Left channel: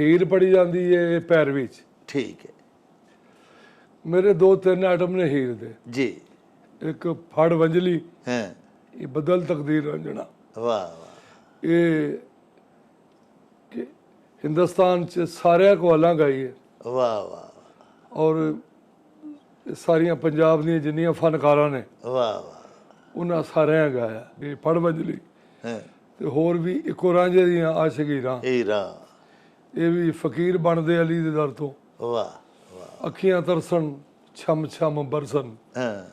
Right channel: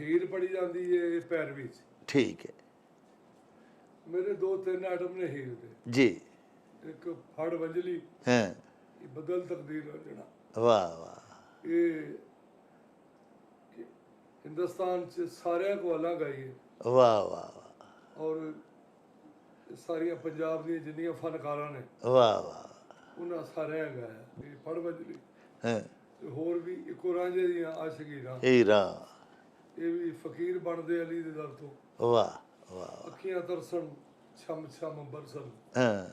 ਹੀਰ ਪੜੀ ਜਾਂਦੀ ਹੈ ਪੈਰਵੀ 'ਚ। ਠੀਕ ਹੈ ਮੇਰੇ 2-3 ਆਈਟਮ ਨੇ ਹੀਰ ਦੇ ਜੀ। ਇੱਕ ਫੜ ਵੰਜਲੀ, ਹਾਂ ਇਹ ਬਦਲ ਤਕਦੀਰ ਰੰਜਣਾ। ਵਾਹ ਵਾਹ ਇਹ ਹਿੰਦੁਸਤਾਨ 'ਚ ਸਾਰਿਆਂ ਕੋ ਅਲਾਂ ਗਾਈ ਹੈ ਵਾਹ ਵਾਹ ਔਰ ਸਾਰੀਆਂ ਪੰਜਾਬ ਦੀਆਂ ਜਿੰਨੀਆਂ ਫਨਕਾਰਾਂ ਨੇ ਵਾਹ ਵਾਹ ਉਹਨਾਂ ਸਾਰਿਆਂ ਗਾਇਆ ਇਹ ਫੜ ਵੰਜਲੀ। ਹਾਂ ਤੇ ਹੋਰ ਵੀ ਇੱਕੋ ਰਾਂਝੇ ਦੀਆਂ ਆਸ਼ਕੀਰਾਂ, ਹੀਰਾ ਇਹ ਵੀ ਫਕੀਰ ਬਣਦੇ ਅਲੀ ਦੇ ਦਰ ਤੋਂ। ਵਾਹ ਵਾਹ ਅੱਖੀਆਂ ਤਰਸਣ ਛਮ ਛਮ ਬਰਸਨ ਹਾਂ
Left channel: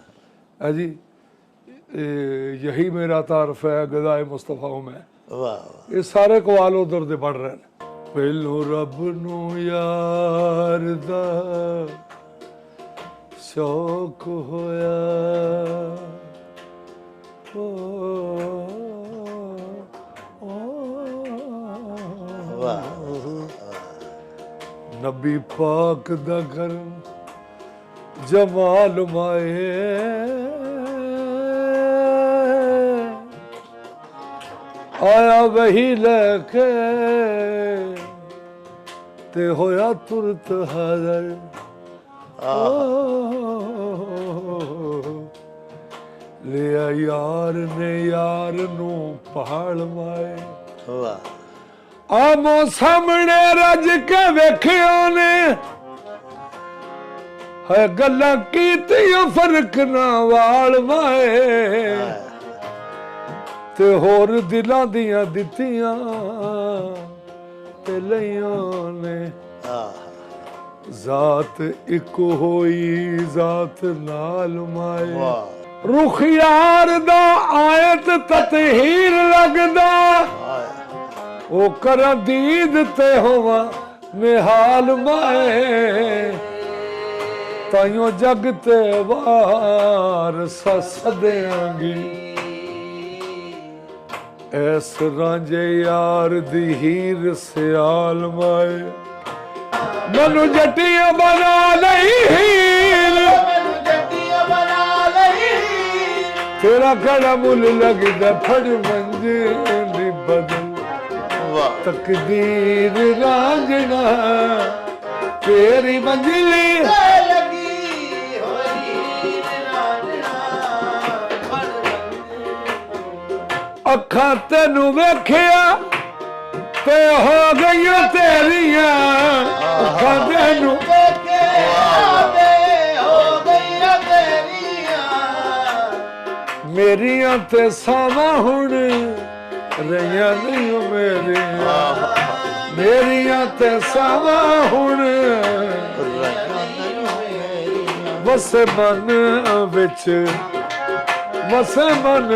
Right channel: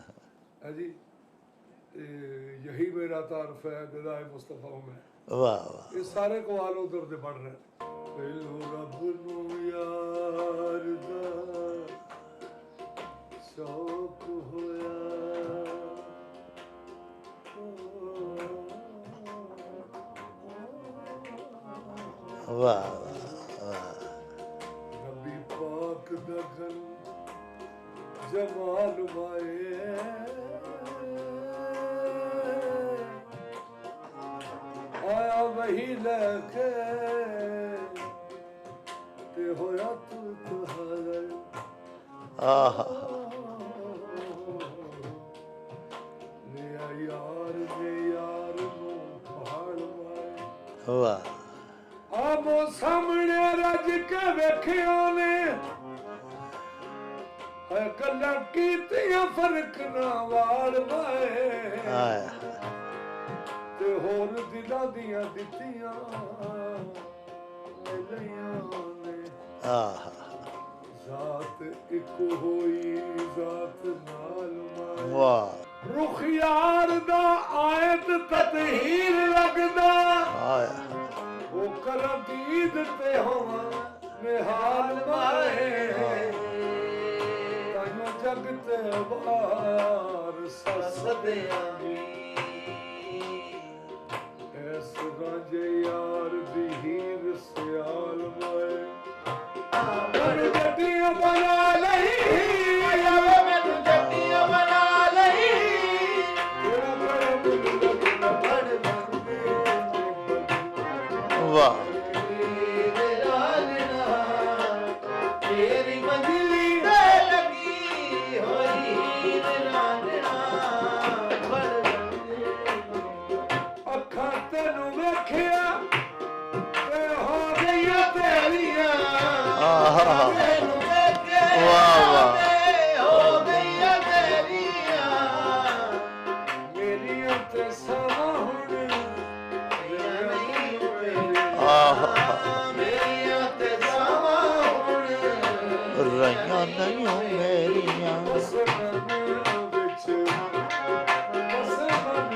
है जी, यही मेरा तारफ है गदाए मुस्तफा मैं। वाह वाह ये सारे कवाल उधर दे पढ़ रहे हैं। पहलो रब नू यार दा शौक होया, वाह नबी पाक दा कर जमाल माए, आया वही लेके ते होया तुरत हाज़र। लिया यार ने यार नू पहाड़ माए। वाह आमो सामने रज के वेखियो ने है गल्लां कीतियां फर्क ना वाल माए, ते होर दिलां दियां दित्तियां ते लईयां ने। जात इक होई जात नाल माए। वाह रुख यार दा आयत ततहीर लगदा, ओ कर दीद ते होवा निहाल माए। ताइयों जग ते वार सस देंगी, ऐस रांझे यार दी हीर सियाल माए। मनु जटिया बना लई हीर, तेरा कड़ा मुल लगदा फड़ मंजे दी बदन। वाह तकदीर रांझना तेरी मंजिली अखां तेनू वेखिया ते हो गईयां तेरियां। अखां तेनू मेरियां ते सावां हुण रहियां नहीं मेरियां, मेरियां ते सावां हुण बस मन विच, बस मन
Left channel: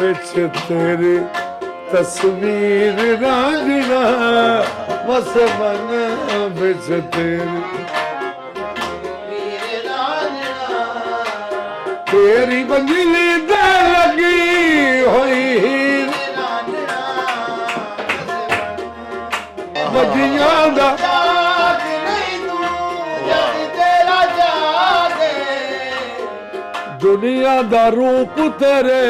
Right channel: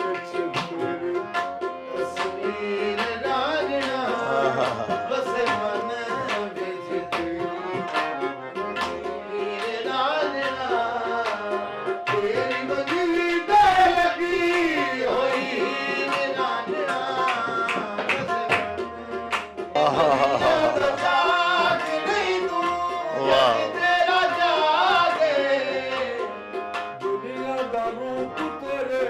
विच तेरी तस्वीर रांझना। बस मन विच तेरी मंजिली ते लगी होई हीर। मदियां दा दुनिया दा रूप तेरे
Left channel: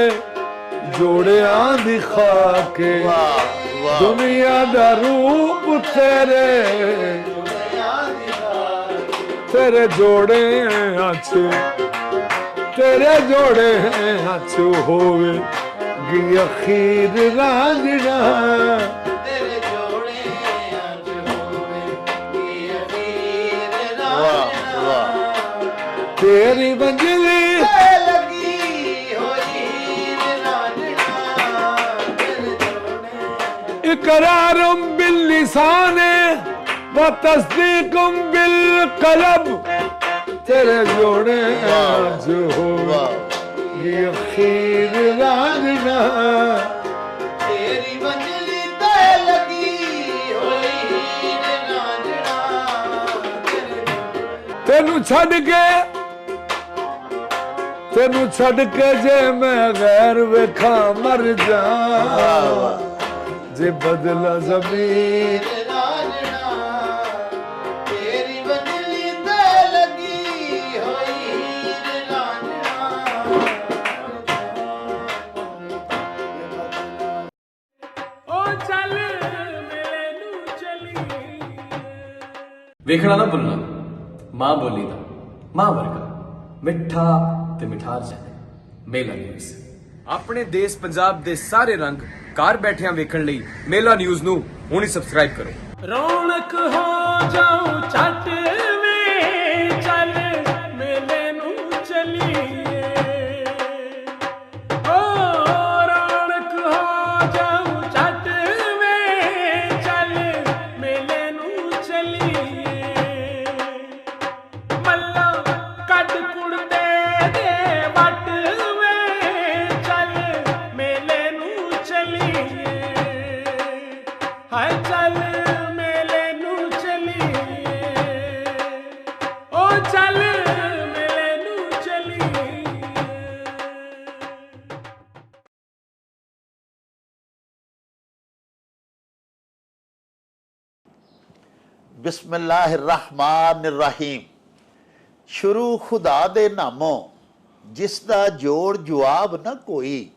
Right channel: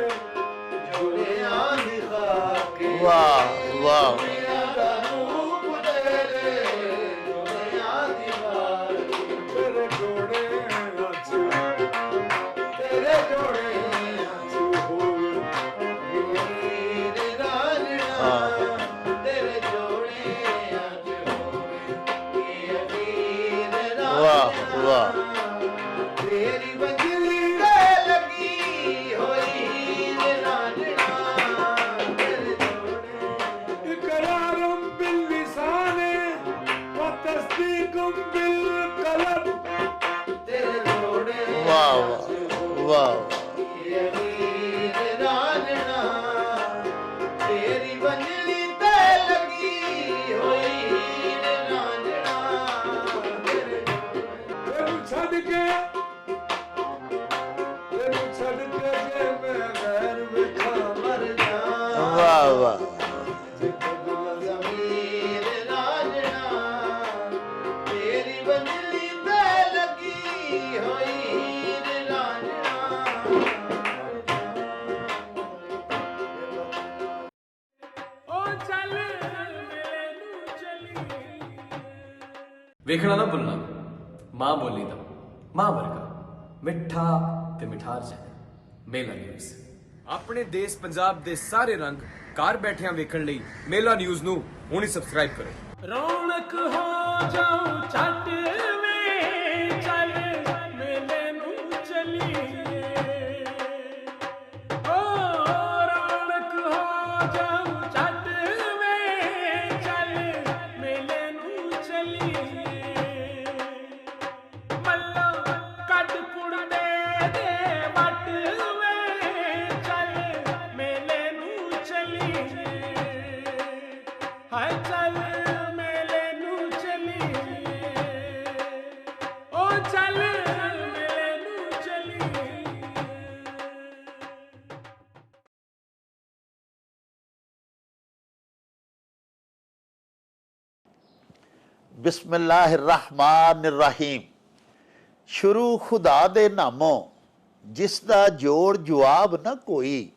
जोड़िया दिखा के। दुनिया दा रूप तेरे तेरे जोड़े अच, तेरे जोड़े अच होवे गी अखीर रांझना। वाह वाह तेरी मंजिली इकरारुम बिल लिसाने व तस्दीकुम बिल कलब। तेरे जोड़े आज हो ये खीर रांझना। तेरी मंजिली ते लगी होई रांझना। तेनू छड़ के जे मैं गैर वेखा मर जा। वाह वाह जे बदला ज़मीर रांझना। तेरी मंजिली ते लगी होई रांझना। ओ चल मेरे नू चली ਵੇਖਣਾ ਨਾ ਭੁੱਲਣਾ ਮਾਂ ਬੋਲੀ ਦਾ ਮਾਂ ਵਰਗਾ ਮਿੱਠਾ ਤੇ ਮਿਠਾਰ ਜਾਣੇ ਮੇਲਾ ਨਿਊਜ਼। ਆਪਣੇ ਦੇਸ਼ ਪੰਜਾਬ ਦੇ ਸਾਰੇ ਰੰਗ ਘਰ ਬੈਠਿਆਂ ਵੇਖਣ ਲਈ ਮੇਲਾ ਨਿਊਜ਼ ਨੂੰ ਹੁਣੇ ਸਬਸਕ੍ਰਾਈਬ ਕਰੋ। ਰੌਣਕ ਹੋ ਜਾਉ ਛੱਟ ਵੇ ਚੱਲ ਮੇਲੇ ਨੂੰ ਚਲੀਏ ਓ ਰੌਣਕ ਹੋ ਜਾਉ ਛੱਟ ਵੇ ਚੱਲ ਮੇਲੇ ਨੂੰ ਚਲੀਏ ਮੱਲਾ ਕੱਢ ਕੁੜਦੇ ਦੇ ਵੱਟ ਵੇ ਚੱਲ ਮੇਲੇ ਨੂੰ ਚਲੀਏ ਹਾਏ ਚੱਲ ਮੇਲੇ ਨੂੰ ਚਲੀਏ ਓ ਚੱਲ ਮੇਲੇ ਨੂੰ ਚਲੀਏ। ਬਿਸਮਿल्लाहिर्रहमानिर्रहीम। ਸ਼ੁਰੂ ਖੁਦਾ ਦੇ ਨਾਮੋਂ ਜਿਸ ਦਾ ਜੋੜ ਜਵਾਬ ਨਾ ਕੋਈ,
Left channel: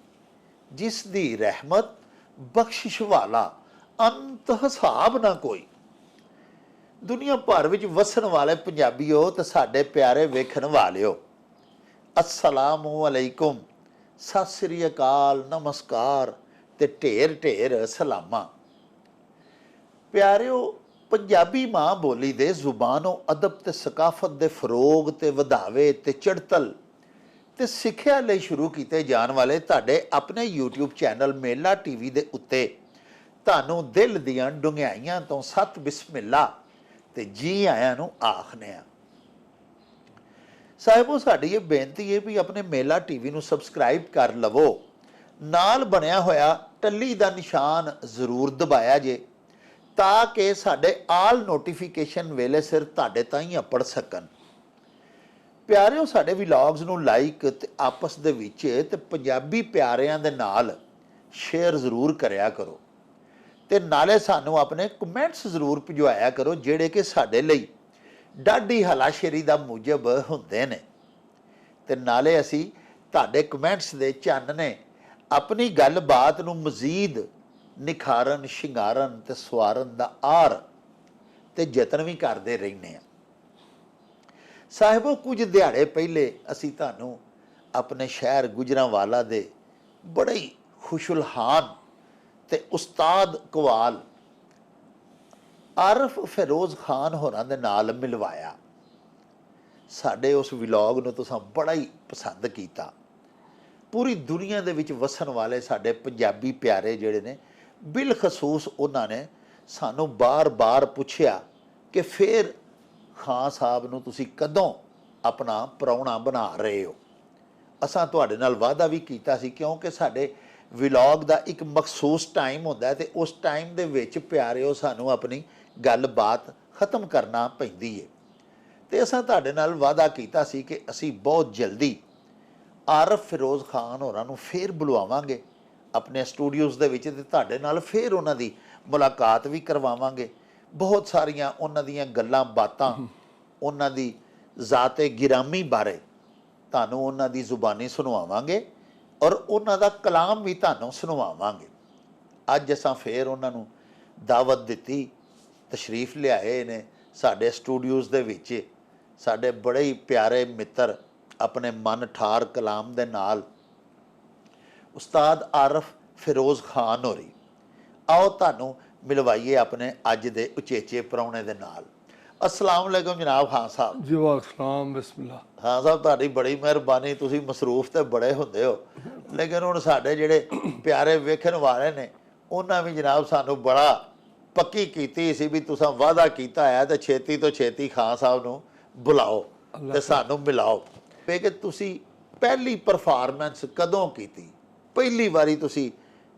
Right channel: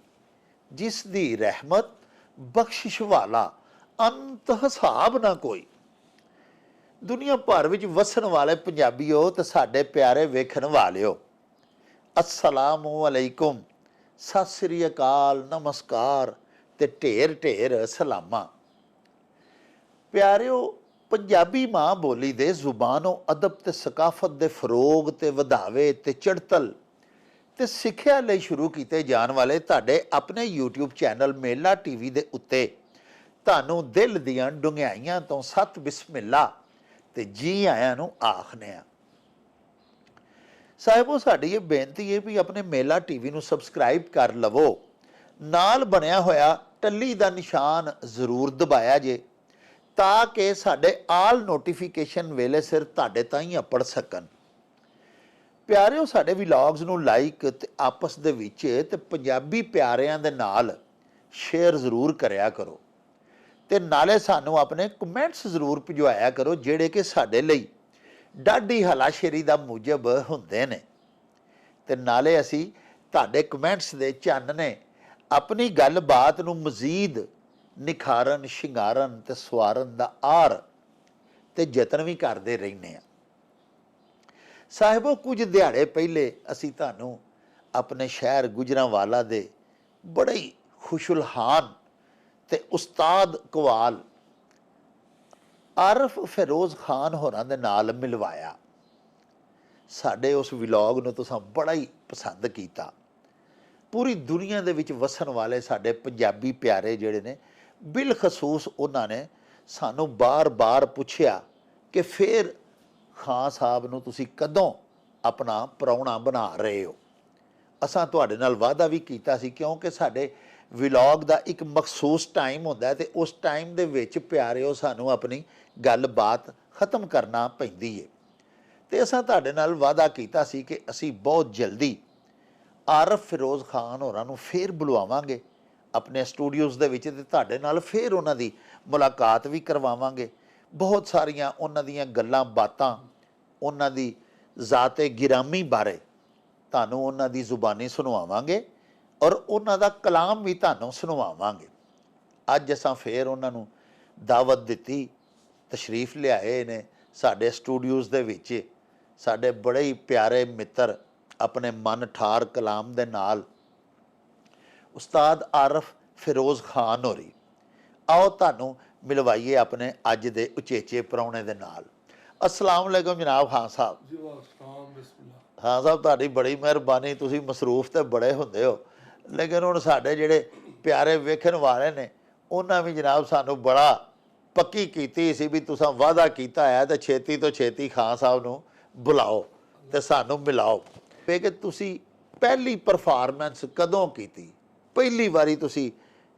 ਜਿਸ ਦੀ ਰਹਿਮਤ ਬਖਸ਼ਿਸ਼ ਵਾਲਾ ਅੰਤ ਹਿਸਾਬ ਨਾ ਕੋਈ। ਦੁਨੀਆ ਭਰ ਵਿੱਚ ਵਸਣ ਵਾਲੇ ਪੰਜਾਬੀਓ ਤੇ ਸਾਡੇ ਪਿਆਰੇ ਵੇਖਣ ਵਾਲਿਓ, ਅਸਲਾਮੁ ਅਲੈਕੁਮ, ਸਤਿ ਸ੍ਰੀ ਅਕਾਲ, ਨਮਸਕਾਰ ਤੇ ਢੇਰ ਢੇਰ ਸਲਾਮਾਂ। ਪਿਆਰਿਓ, ਪੰਜਾਬੀ ਮਾਂ ਬੋਲੀ ਦੇ ਜ਼ੁਬਾਨੋਂ ਅਦਬ ਤੇ ਸਕਾਫਤ ਦੇ ਫਰੋਗ ਤੇ ਵਧਾਵੇ ਤੇ ਚੜਤਲ ਤੇ ਸਿੱਖਿਆ ਲਈ ਸ਼ੁਰੂ ਕੀਤੇ ਜਾਣ ਵਾਲੇ ਤੁਹਾਡੇ ਆਪਣੇ YouTube ਚੈਨਲ ਮੇਲਾ TV ਦੇ ਉੱਤੇ ਤੁਹਾਨੂੰ ਦਿਲ ਦੀਆਂ ਡੁੰਘਾਈਆਂ ਤੋਂ ਸਤ ਬਿਸਮਿਲ੍ਲਾ ਤੇ ਜੀ ਆਇਆਂ ਨੂੰ ਆਖਨੇ ਆ। ਸਾਹਿਬੋ, ਸਾਡੀ ਇਹ ਬੇਨਤੀ ਹੈ ਵੀ ਆਪਣੇ ਮੇਲਾ TV ਨੂੰ ਸਬਸਕ੍ਰਾਈਬ ਕਰ ਲਵੋ, ਨਾਲ ਬਣਿਆ ਹੋਇਆ ਟੱਲੀ ਦਾ ਨਿਸ਼ਾਨ ਜ਼ਰੂਰ ਦਬਾਇਆ ਜੇ ਤਾਂ ਕਿ ਸਾਡੇ ਆਲ ਨੋਟੀਫਿਕੇਸ਼ਨ ਵੇਲੇ ਸਿਰ ਤੁਹਾਡੇ ਤਾਈਂ ਅਪੜ ਸਕਣ। ਪਿਆਰਿਓ, ਸਾਡੇ ਵਲੌਗਸ ਨੂੰ ਲਾਈਕ ਤੇ ਆਪਸ ਦੇ ਵਿੱਚ ਤੇ ਪੰਜਾਬੀ ਪਿਆਰਿਆਂ ਦੇ ਨਾਲ ਸ਼ੇਅਰ ਜ਼ਰੂਰ ਕਰਿਆ ਕਰੋ ਤੇ ਨਾਲੇ ਸਾਨੂੰ ਆਪਣੇ ਕਮੈਂਟਸ ਜ਼ਰੂਰ ਭਿਜਵਾਇਆ ਕਰੋ ਜਿਹੜੇ ਕਿ ਸਾਡੇ ਲਈ ਡਾਢੀ ਹਲਾਸ਼ੇਰੀ ਦਾ ਮੂਜਬ ਹੁੰਦੇ ਨੇ ਤੇ ਨਾਲੇ ਅਸੀਂ ਤੁਹਾਡੇ ਕਮੈਂਟਸ ਦੇ ਚਾਨਣੇ ਆਪਣੀ ਗੱਲਬਾਤ ਨੂੰ ਮਜ਼ੀਦ ਨਿਖਾਰਨ, ਸ਼ਿੰਗਾਰਨ ਤੇ ਸਵਾਰਨ ਦਾ ਆਰ ਤੇ ਯਤਨ ਵੀ ਕਰਦੇ ਰਹਿੰਦੇ ਆ। ਸਾਹਿਬੋ, ਕੁਝ ਦਿਹਾੜੇ ਪਹਿਲੇ ਅਸੀਂ ਤੁਹਾਨੂੰ ਆਪਣੇ ਸ਼ਹਿਰ ਗੁਜਰਾਂਵਾਲਾ ਦੇ ਬੜੇ ਹੀ ਖੁਸ਼ੁਲਹਾਨ ਤੇ ਉਸਤਾਦ ਕਵਾਲ ਆਰਫ ਫਿਰੋਜ਼ ਖਾਨ ਹੋਰਾਂ ਦੇ ਨਾਲ ਮਿਲਵਾਇਆ। ਸਾਡੇ ਉਸ ਵਲੌਗ ਨੂੰ ਤੁਸੀਂ ਬੜਾ ਹੀ ਪਸੰਦ ਕੀਤਾ। ਪੂਰੀ ਦੁਨੀਆ ਦੇ ਵਿੱਚ ਵਸਣ ਵਾਲੇ ਸਾਡੇ ਪੰਜਾਬੀ ਪਿਆਰੇ ਜਿਹੜੇ ਨੇ, ਬਿਲਖਸੂਸ ਉਹਨਾਂ ਨੇ ਸਾਨੂੰ ਬਾਰ-ਬਾਰ ਪੁੱਛਿਆ ਕਿ ਫਿਰ ਖਾਨ ਸਾਹਿਬ ਨੂੰ ਤੁਸੀਂ ਕਦੋਂ ਆਪਣਾ ਪ੍ਰਾਹੁਣਾ ਬਣਾ ਰਹੇ ਹੋ। ਅਸਾਂ ਤੁਹਾਡੇ ਨਾਲ ਵਾਅਦਾ ਵੀ ਕੀਤਾ ਸੀ, ਕਿਉਂਕਿ ਸਾਡੇ ਵਲੌਗ ਦਾ ਇੱਕ ਮਖਸੂਸ ਟਾਈਮ ਹੁੰਦਾ ਹੈ ਤੇ ਉਸ ਟਾਈਮ ਦੇ ਵਿੱਚ ਪਿਆਰਿਓ ਸਾਨੂੰ ਆਪਣੀ ਗੱਲਬਾਤ ਖ਼ਤਮ ਕਰਨਾ ਪੈਂਦੀ ਹੈ ਤੇ ਅਸਾਂ ਤੁਹਾਡੇ ਨਾਲ ਵਾਅਦਾ ਕੀਤਾ ਸੀ ਕਿ ਅਸੀਂ ਬਹੁਤ ਜਲਦੀ ਆਰਫ ਫਿਰੋਜ਼ ਖਾਨ ਹੋਰਾਂ ਨੂੰ ਫਿਰ ਬੁਲਵਾਵਾਂਗੇ ਆਪਣੇ ਸਟੂਡੀਓਜ਼ ਦੇ ਵਿੱਚ ਤੇ ਤੁਹਾਡੇ ਨਾਲ ਫਿਰ ਉਹਨਾਂ ਦੀ ਮੁਲਾਕਾਤ ਵੀ ਕਰਵਾਵਾਂਗੇ। ਬਹੁਤ ਸਾਰੀਆਂ ਉਹਨਾਂ ਦੀਆਂ ਗੱਲਾਂ ਬਾਤਾਂ, ਉਹਨਾਂ ਦੀ ਜ਼ਾਤੇ ਗਿਰਾਮੀ ਬਾਰੇ ਤੁਹਾਨੂੰ ਉਹਨਾਂ ਦੀ ਜ਼ੁਬਾਨੀ ਸੁਣਵਾਵਾਂਗੇ ਔਰ ਉਹਨਾਂ ਦਾ ਕਲਾਮ ਵੀ ਤੁਹਾਨੂੰ ਸੁਣਵਾਵਾਂਗੇ। ਅੱਜ ਅਸਾਂ ਫਿਰ ਉਹਨਾਂ ਨੂੰ ਦਾਵਤ ਦਿੱਤੀ, ਤਸ਼ਰੀਫ ਲਿਆਏ ਨੇ ਸਾਡੇ ਸਟੂਡੀਓਜ਼ ਦੇ ਵਿੱਚ। ਸਾਡੇ ਬੜੇ ਹੀ ਪਿਆਰੇ ਮਿੱਤਰ ਆਪਣੇ ਮਨ ਠਾਰ ਕਲਾਮ ਦੇ ਨਾਲ ਉਸਤਾਦ ਆਰਫ ਫਿਰੋਜ਼ ਖਾਨ ਹੋਰੀ। ਆਓ ਤੁਹਾਨੂੰ ਮਿਲਵਾਈਏ ਆਪਣੇ ਅੱਜ ਦੇ ਉਚੇਚੇ ਪ੍ਰਾਹੁਣੇ ਦੇ ਨਾਲ। अस्सलाम वालेकुम जनाब खान साहब। जी वालेकुम बिस्मिल्लाह। हाँ साहब, ਤੁਹਾਡੀ ਬੜੀ ਮਿਹਰਬਾਨੀ, ਤੁਸੀਂ ਮਸਰੂਫ ਤੇ ਬੜੇ ਹੁੰਦੇ ਹੋ, ਲੇਕਿਨ ਹੁਣ ਸਾਡੇ ਜਿਹੜੇ ਪਿਆਰੇ ਵੇਖਣ ਵਾਲੇ ਨੇ ਉਹਨਾਂ ਵੀ ਜਨਾਬ ਸਾਨੂੰ ਬੜਾ ਪੱਕੀ ਕੀਤੀ ਸੀ ਵੀ ਤੁਸੀਂ ਵਾਅਦਾ ਕੀਤਾ ਹੈ ਤੇ ਛੇਤੀ ਤੋਂ ਛੇਤੀ ਖਾਨ ਸਾਹਿਬ ਨੂੰ ਬੁਲਾਓ ਤੇ ਸਾਨੂੰ ਮਿਲਾਓ। ਵੇ ਕਿ ਤੁਸੀਂ ਪਹਿਲੀ ਪਰਫਾਰਮੈਂਸ ਕਦੋਂ ਕੀਤੀ? ਪਹਿਲੀ ਵਾਰੀ ਤੁਸੀਂ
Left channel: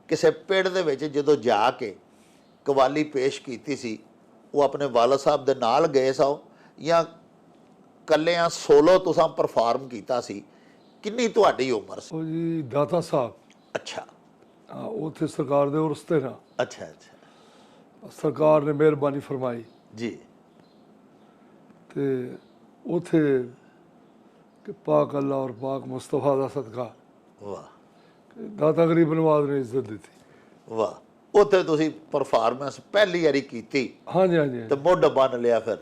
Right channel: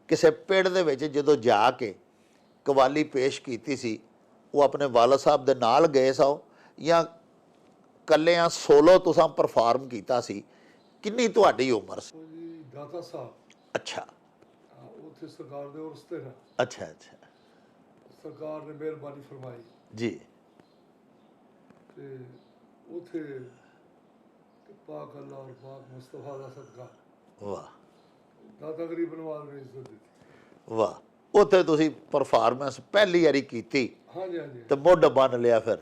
ਕਿਸੇ ਪਿੰਡ ਦੇ ਵਿੱਚ ਜਦੋਂ ਜਾ ਕੇ ਕਵਾਲੀ ਪੇਸ਼ ਕੀਤੀ ਸੀ, ਉਹ ਆਪਣੇ ਵਾਲਦ ਸਾਹਿਬ ਦੇ ਨਾਲ ਗਏ ਸੋ ਜਾਂ ਕੱਲਿਆਂ ਸੋਲੋ ਤੁਸੀਂ ਪਰਫਾਰਮ ਕੀਤਾ ਸੀ? ਕਿੰਨੀ ਤੁਹਾਡੀ ਉਮਰ ਸੀ? ਉਹ ਜੀ ਦਾਤਾ ਸਾਹਿਬ। ਅੱਛਾ। ਉੱਥੇ ਸਰਕਾਰ ਦੇ ਉਰਸ ਤੇ ਨਾ। ਅੱਛਾ ਅੱਛਾ। ਸਰਕਾਰ ਨੇ ਮਿਹਰਬਾਨੀ ਫਰਮਾਈ ਜੀ। ਤੇ ਉੱਥੇ ਕਿ ਪਾਕ ਅੱਲਾ ਔਰ ਪਾਕ ਮੁਸਤਫਾ ਦਾ ਸਦਕਾ ਵਾਹ ਦਾਤਾ ਗਰੀਬ ਨਵਾਜ਼ ਨੇ ਇੱਜ਼ਤ ਦਿੱਤੀ। ਵਾਹ। ਉੱਥੇ ਤੁਸੀਂ ਪਰਫਾਰਮੈਂਸ ਪਹਿਲੀ ਵਾਰੀ ਕੀਤੀ ਹਾਂਜੀ ਹਾਂਜੀ ਤੇ ਮੁੱਢ ਬੰਨ ਲਿਆ ਫਿਰ?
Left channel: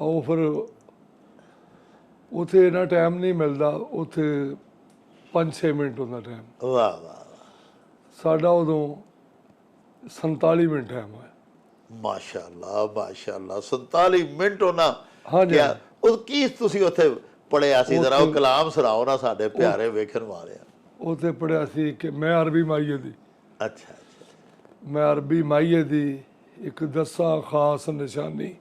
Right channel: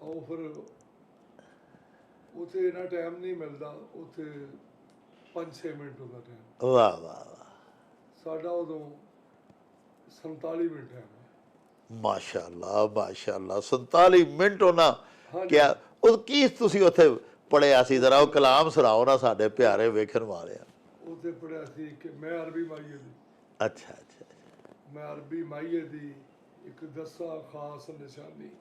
ਉਹ ਫਿਰ ਉੱਥੇ ਇੰਨਾ ਟਾਈਮ ਨਹੀਂ ਮਿਲਦਾ, ਉੱਥੇ 5-6 ਮਿੰਟ ਹੁੰਦਾ ਟਾਈਮ। ਵਾਹ ਵਾਹ ਵਾਹ, ਸਾਡਾ ਉਦੋਂ 47 ਮਿੰਟ ਟਾਈਮ ਹੈ। ਮਾਸ਼ਾਅੱਲਾ ਮਾਸ਼ਾਅੱਲਾ, 47 ਮਿੰਟ ਉਹਨਾਂ ਹਾਂਜੀ। ਕਿਹਾ। ਉਹ ਕੀ ਤੁਸੀਂ ਉੱਥੇ ਪੜਿਆ ਸੀ, ਜ਼ਰਾ ਉਹ ਕਲਾਮ ਸੁਣਾਓ ਨਾ ਸਾਡੇ ਪਿਆਰੇ ਵੇਖਣ ਵਾਲਿਆਂ। ਉੱਥੇ ਪੜ੍ਹਿਆ ਸੀ ਕਿ ਮੈਂ ਅਰਬੀ ਮਾਈਏ ਦੀ, ਅੱਛਾ ਅੱਛਾ, ਮੈਂ ਅਰਬੀ ਮਾਈਏ ਦੀ ਇੱਕ ਦੱਸਾਂ ਖਾਸ ਨਿਸ਼ਾਨੀ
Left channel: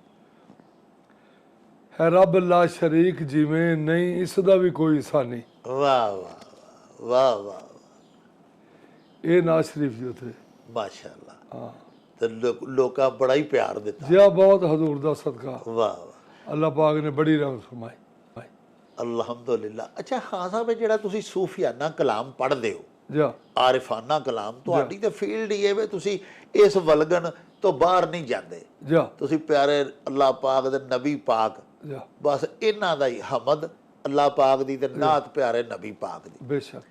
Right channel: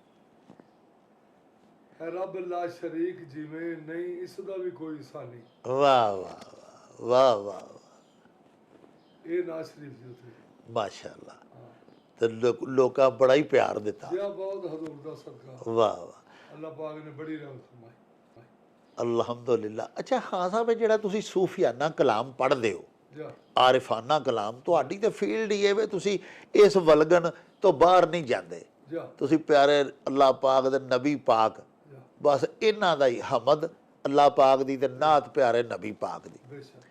ਹੈ, ਰੱਬ ਲਾ ਸ਼ਰੀਕ ਜਿਵੇਂ ਨਹੀਂ ਇਸ ਦਾ ਵੀ ਕੋਈ ਸਾਨੀ। ਵਾਹ ਵਾਹ ਵਾਹ ਵਾਹ, ਇਹ ਨਾਜ਼ ਸ਼ਰੀਫ ਜੀ ਉੱਥੇ। ਮਾਸ਼ਾਅੱਲਾ। ਹਾਂ ਤੇ ਲੋਕਾਂ ਬੜਾ ਹੀ ਪਿਆਰ ਦਿੱਤਾ। ਜਿਆ ਬਹੁਤ ਹਜ਼ੂਰ ਦਾ ਸਦਕਾ, ਵਾਹ ਵਾਹ, ਅੱਲਾਹ ਪਾਕ ਨੇ ਬੜੀ ਰਹਿਮਤ ਫਰਮਾਈ। ਅਲਹਮਦੁਲਿਲਾ। ਅੱਛਾ ਖਾਨ ਸਾਹਿਬ, ਇਹ ਜਿਹੜਾ ਤੁਸੀਂ ਸੂਫੀਆਨਾ ਕਲਾਮ ਪੜ੍ਹਦੇ ਹੋ, ਜਾ ਆਰਿਫਾਨਾ ਕਲਾਮ, ਤੁਹਾਡੀ ਤੇ ਫੀਲਡ ਹੀ ਹੈ ਵੇ, ਤੁਸੀਂ ਇਸ ਵਲਗਨ ਤੋਂ ਬਾਹਰ ਨਹੀਂ ਜਾਂਦੇ। ਜਾ ਤੁਸੀਂ ਪਿਆਰੇ ਅੱਲਾਹ ਪਾਕ ਦੇ ਨਬੀ ਪਾਕ, ਜਾ ਬਸ ਇਹਨਾਂ ਦਾ ਹੀ ਹਮਦ, ਅੱਲਾਹ ਪਾਕ ਦੀ ਤੇ ਨਾਤ ਪਿਆਰੇ ਨਬੀ ਪਾਕ ਦੀ। ਬੇਸ਼ੱਕ।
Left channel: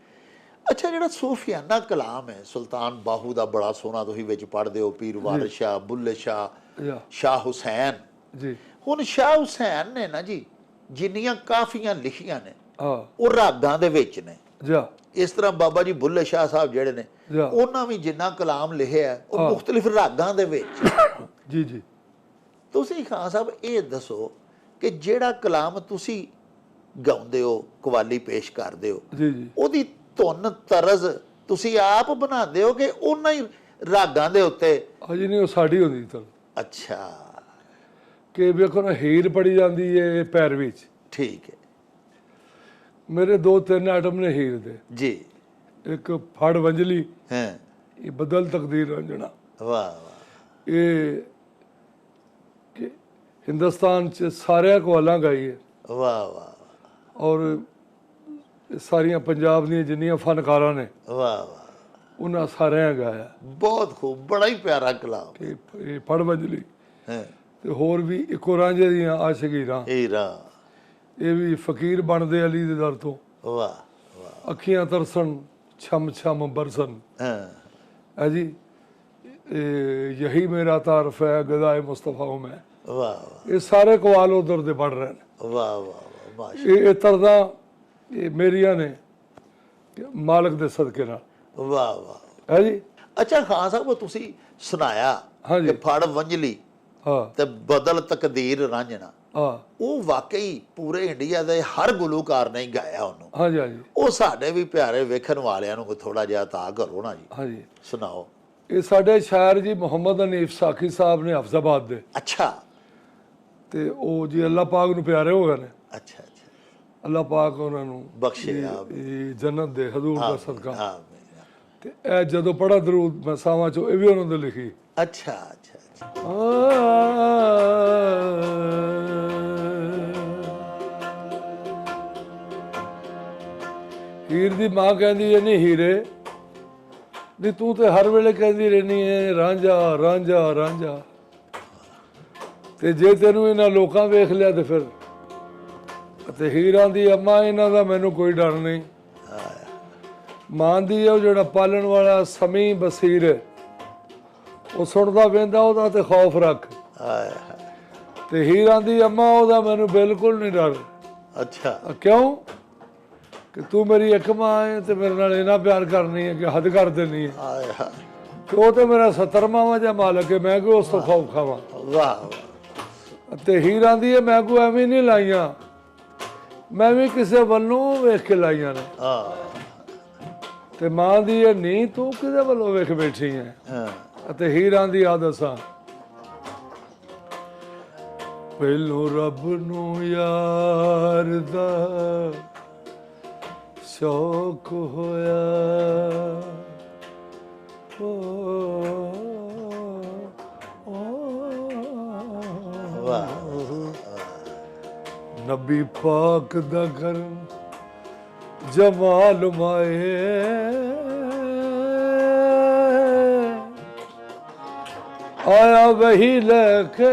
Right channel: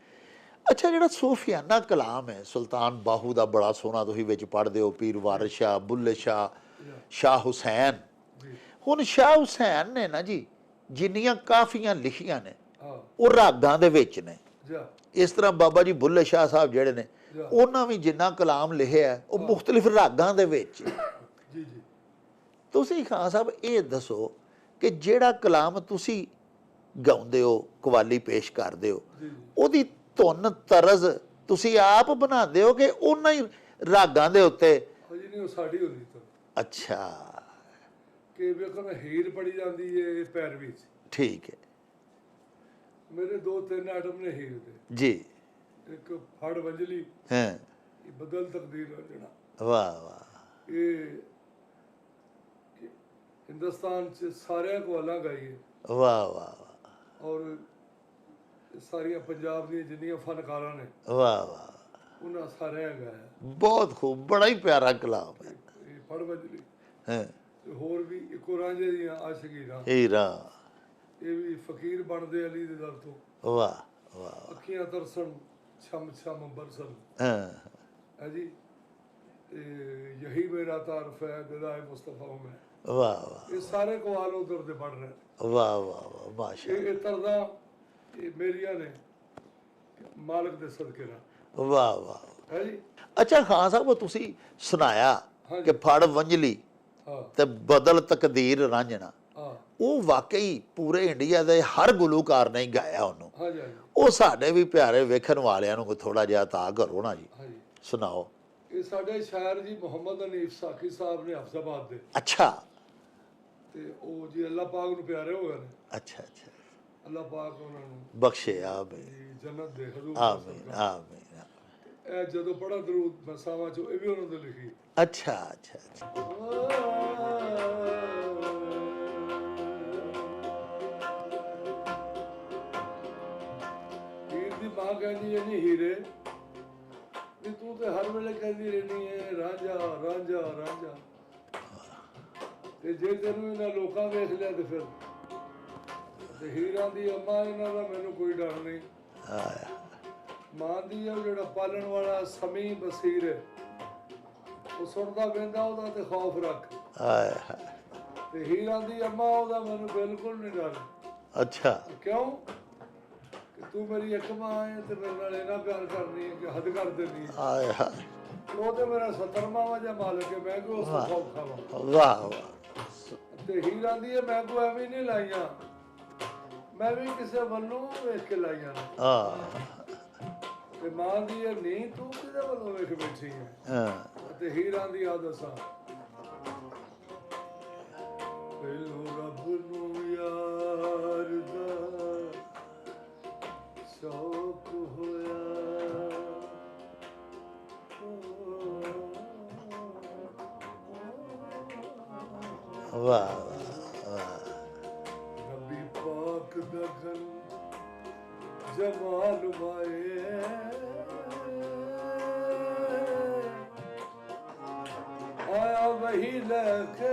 ਅੱਛਾ ਜਿਹੜਾ ਸੂਫੀਆਨਾ ਕਲਾਮ ਹੈ, ਸੁਲਤਾਨ ਬਾਹੂ ਦਾ ਬੜਾ ਸੋਹਣਾ ਤੁਸੀਂ ਵਿੱਚ ਪੜ੍ਹਦੇ ਹੋ, ਪੀਰ ਵਾਰਿਸ ਸ਼ਾਹ, ਬੁੱਲੇ ਸ਼ਾਹ, ਜਾ ਸ਼ਾਹ ਹੁਸੈਨ। ਜੀ ਹੁਣ ਸ਼ਾਹ ਹੁਸੈਨ ਨੇ ਨਾ ਜੀ ਜਿੰਨੀਆਂ ਕਾਫੀਆਂ ਲਿਖੀਆਂ ਨੇ ਹਾਂ ਉਹ ਰਾਗਾਂ ਦੇ ਵਿੱਚ ਨੇ। ਜਾ ਇਸ ਤਰ੍ਹਾਂ ਬਾਬਾ ਜੀ ਬੁੱਲੇ ਸ਼ਾਹ ਸਾਹਿਬ ਜਿਹੜੇ ਨੇ, ਜਾ ਉਹਨਾਂ ਵੀ ਜਿੰਨਾ ਕਲਾਮ ਲਿਖਿਆ ਹੈ, ਉਹ ਹਾਂ। ਮੁਖਤਲਿਫ ਰਾਗਾਂ ਦੇ ਵਿੱਚ। ਜੀ ਜੀ ਤੁਸੀਂ ਖਾਨ ਸਾਹਿਬ ਇਹ ਦੱਸੋ ਕਿ ਜਿਹੜਾ ਕਲਾਮ ਤੁਸੀਂ ਗਾਉਂਦੇ ਹੋ, ਕਵਾਲੀ ਪੇਸ਼ ਕਰਦੇ ਹੋ, ਜੀ ਜੀ ਉਹਦੀ ਧੁਨ ਤਰਜ਼ ਤੁਸੀਂ ਆਪ ਬਣਾਉਂਦੇ ਹੋ ਕਿ ਉਹਨਾਂ ਹੀ ਰਾਗਾਂ ਦੇ ਉੱਤੇ? ਅਜੇ ਨਹੀਂ, ਉਹ ਸਾਡੀ ਹੁੰਦੀ ਤਾਂ ਅੱਛਾ ਕਿ ਵੇਖੋ ਨਾ, ਹੀਰ ਪੜੀ ਜਾਂਦੀ ਹੈ ਪੈਰ ਵਿੱਚ। ਠੀਕ ਹੈ ਮੇਰੇ 2-3 ਆਈਟਮ ਨੇ ਹੀਰ ਦੇ। ਜੀ। ਇੱਕ ਫੜ ਵੰਜਲੀ, ਹਾਂ ਇਹ ਬਦਲ ਤਕਦੀਰ ਰੰਜਣਾ, ਵਾਹ ਵਾਹ ਇਹ ਕਿ ਹਿੰਦੁਸਤਾਨ ਚ ਸਾਰਿਆਂ ਕਵਾਲਾਂ ਗਾਈ ਹੈ, ਵਾਹ ਵਾਹ ਔਰ ਸਾਰੀਆਂ ਪੰਜਾਬ ਦੀਆਂ ਜਿੰਨੀਆਂ ਫਨਕਾਰਾਂ ਨੇ ਵਾਹ ਵਾਹ, ਉਹਨਾਂ ਸਾਰਿਆਂ ਗਾਇਆ। ਬਹੁਤ ਖੂਬ, ਬੜਾ ਹੀ ਪਿਆਰਾ ਕਲਾਮ ਹੈ। ਇਹ ਫੜ ਵੰਜਲੀ ਹਾਂ ਤੇ ਹੋਰ ਵੀ ਇੱਕੋ ਰਾਂਝੇ ਦੀਆਂ ਆਸ਼ਕੀਰਾਂ, ਹੀਰਾ, ਇਹ ਵੀ ਫਕੀਰ ਬਣਦੇ ਅਲੀ ਦੇ ਦਰ ਤੋਂ। ਵਾਹ ਵਾਹ, ਅੱਖੀਆਂ ਤਰਸਣ ਛਮ ਛਮ ਬਰਸਨ ਹਾਂ ਹੈ ਜੀ, ਯਹੀ ਮੇਰਾ ਤਾਰਫ ਹੈ ਗਦਾਏ ਮੁਸਤਫਾ ਹੂੰ ਮੈਂ। ਵਾਹ ਵਾਹ ਇਹ ਸਾਰੇ ਕਵਾਲ ਉਧਰ ਦੇ ਪੜ ਰਹੇ ਨੇ। ਵਾਹ ਵਾਹ ਮਾਸ਼ਾ, ਇਹ ਤਰਦਾ ਇਹ ਮੇਰੀਆਂ ਨੇ ਮਾਲਕ ਦੇ ਸਦਕੇ ਨਾਲ, ਵਾਹ ਵਾਹ। ਹੈ ਜੀ। ਅੱਛਾ ਖਾਨ ਸਾਹਿਬ, ਤੁਸੀਂ ਸੁਣਾਇਆ ਹਾਂਜੀ। ਕਿ ਫੜ ਵੰਜਲੀ ਹਾਂ ਤੇ ਬਦਲ ਤਕਦੀਰ ਰਾਂਝਣਾ, ਹਾਂ ਉਹ ਵਾਕਈ ਪੂਰੇ ਇੰਡੀਆ ਦੇ ਹਰ ਗੁਲੂਕਾਰ ਨੇ ਹੀ ਗਾਇਆ ਉਹਨੂੰ। ਹਾਂਜੀ ਹਾਂਜੀ ਉਹ ਸਾਡੇ ਵੀ ਪਿਆਰੇ ਵੇਖਣ ਵਾਲਿਆਂ ਨੂੰ ਥੋੜਾ ਜਿਹਾ ਤਾਂ ਕਰੋ ਨਾ ਜੀ, ਹਾਂਜੀ। ਸੁਣਾਓ। ਇਹ ਸਾਡੇ ਸ਼ਾਇਰ ਜੀ ਮੁਹੰਮਦ ਹਨੀਫ ਸਾਖੀ ਸਾਹਿਬ ਨੇ ਹਫਜ਼ਾਬਾਦ ਦੇ, ਅੱਛਾ ਤੇ ਉਹ ਜੀ ਅੱਲਾਹ ਪਾਕ ਨੂੰ ਪਿਆਰੇ ਹੋ ਗਏ ਨੇ। ਅੱਛਾ ਅੱਛਾ, ਅੱਲਾਹ ਪਾਕ ਉਹਨਾਂ ਨੂੰ ਬਖਸ਼ੇ ਆਮੀਨ ਇਹ ਜੰਨਤ ਦੇ ਹਜ਼ੂਰ ਦਾ ਸਦਕਾ। ਆਮੀਨ। ਤੇ ਇਹ ਜਦੋਂ ਪੜਾ ਦਰੂਦ ਮਸਾਵਾਂ ਚੋਂ, ਇਹ ਵੀ ਉਹਨਾਂ ਨੇ ਲਿਖੀ। ਅੱਛਾ ਅੱਛਾ ਅੱਛਾ, ਹੀਰ ਦੀ ਮਾਂ ਕਹਿੰਦੀ ਹੈ, ਨਹੀਂ ਹੀਰੇ ਵੀ ਤੂੰ ਤੇ ਹਰ ਵੇਲੇ ਕਹਿੰਦੀ ਰਹਿਣੀ ਹੈ ਰਾਂਝਾ ਰਾਂਝਾ ਰਾਂਝਾ, ਤੇ ਜੇ ਤੈਨੂੰ ਇਹਨਾਂ ਲੋਕਾਂ ਵੇਖ ਲਿਆ ਤੇ ਫਿਰ। ਤੇ ਹੀਰਾਂ ਦੀ ਅੰਮਾ, ਇਹਨਾਂ ਦਾ ਮੈਨੂੰ ਕੋਈ ਡਰ ਨਹੀਂ। ਮਾਂ ਦੀ ਉਹ ਜਿਹੜਾ ਪਾਲਣ ਵਾਲਾ ਸਮੀ ਬਸੀਰ ਹੈ, ਉਹ ਸੁਣਦਾ ਵੇਂਦਾ ਉਹਦਾ ਤੇ ਖੌਫ ਰੱਖ। ਹਾਏ ਹਾਏ, ਤੇ ਹੀਰਾਂ ਦੀ ਅੰਮਾ, ਉਹਦਾ ਮੈਨੂੰ ਬਿਲਕੁਲ ਨਹੀਂ ਡਰ। ਅੱਛਾ ਕਿਉਂ? ਕਿ ਤੂੰ ਮੇਰੀ ਇੱਕ ਮਾਂ ਹੈ ਤੇ ਮੇਰੇ ਨਾਲ ਇੰਨਾ ਪਿਆਰ ਕਰਨੀ ਹੈ ਕਿ ਹੱਦ ਕਰ ਦੇਣੀ ਹੈ। ਹਾਏ ਹਾਏ, ਤੇ ਉਹ ਤੇ ਮੇਰਾ 70ਵਾਂ ਜਾਂ ਮਾਲਕ ਹੈ, ਮੈਂ ਕਿਉਂ ਉਸ ਤੋਂ ਖੌਫ ਖਾਵਾਂ। ਵਾਹ ਵਾਹ, ਤੇ ਹੀਰਾਂ ਦੀ ਹੈ, ਮੈਂ ਕੋਈ ਐਵੇਂ ਨਹੀਂ ਲਾਈਆਂ, ਮੈਂ ਵੀ ਕਿਸੇ ਵੱਲੋਂ ਵੇਖ ਕੇ ਲਾਈਆਂ ਨੇ। ਹਾਂ ਤੇ ਮਾਂ ਦੀ ਇਹ ਨਹੀਂ, ਤੂੰ ਕਿਹਦੇ ਵੱਲੋਂ ਵੇਖ ਬੈਠੀ ਹੈ। ਹਾਂ, ਅਤੇ ਹੀਰਾਂ ਦੀ ਆਦਤ ਸਾਂ, ਪਹਿਲੋਂ ਰੱਬ ਨੂੰ ਯਾਰ ਦਾ ਸ਼ੌਕ ਹੋਇਆ, ਵਾਹ ਨਬੀ ਪਾਕ ਦਾ ਘਰ ਜਮਾਲ ਮਾਏ, ਆਇਆ ਵਹੀ ਲੈ ਕੇ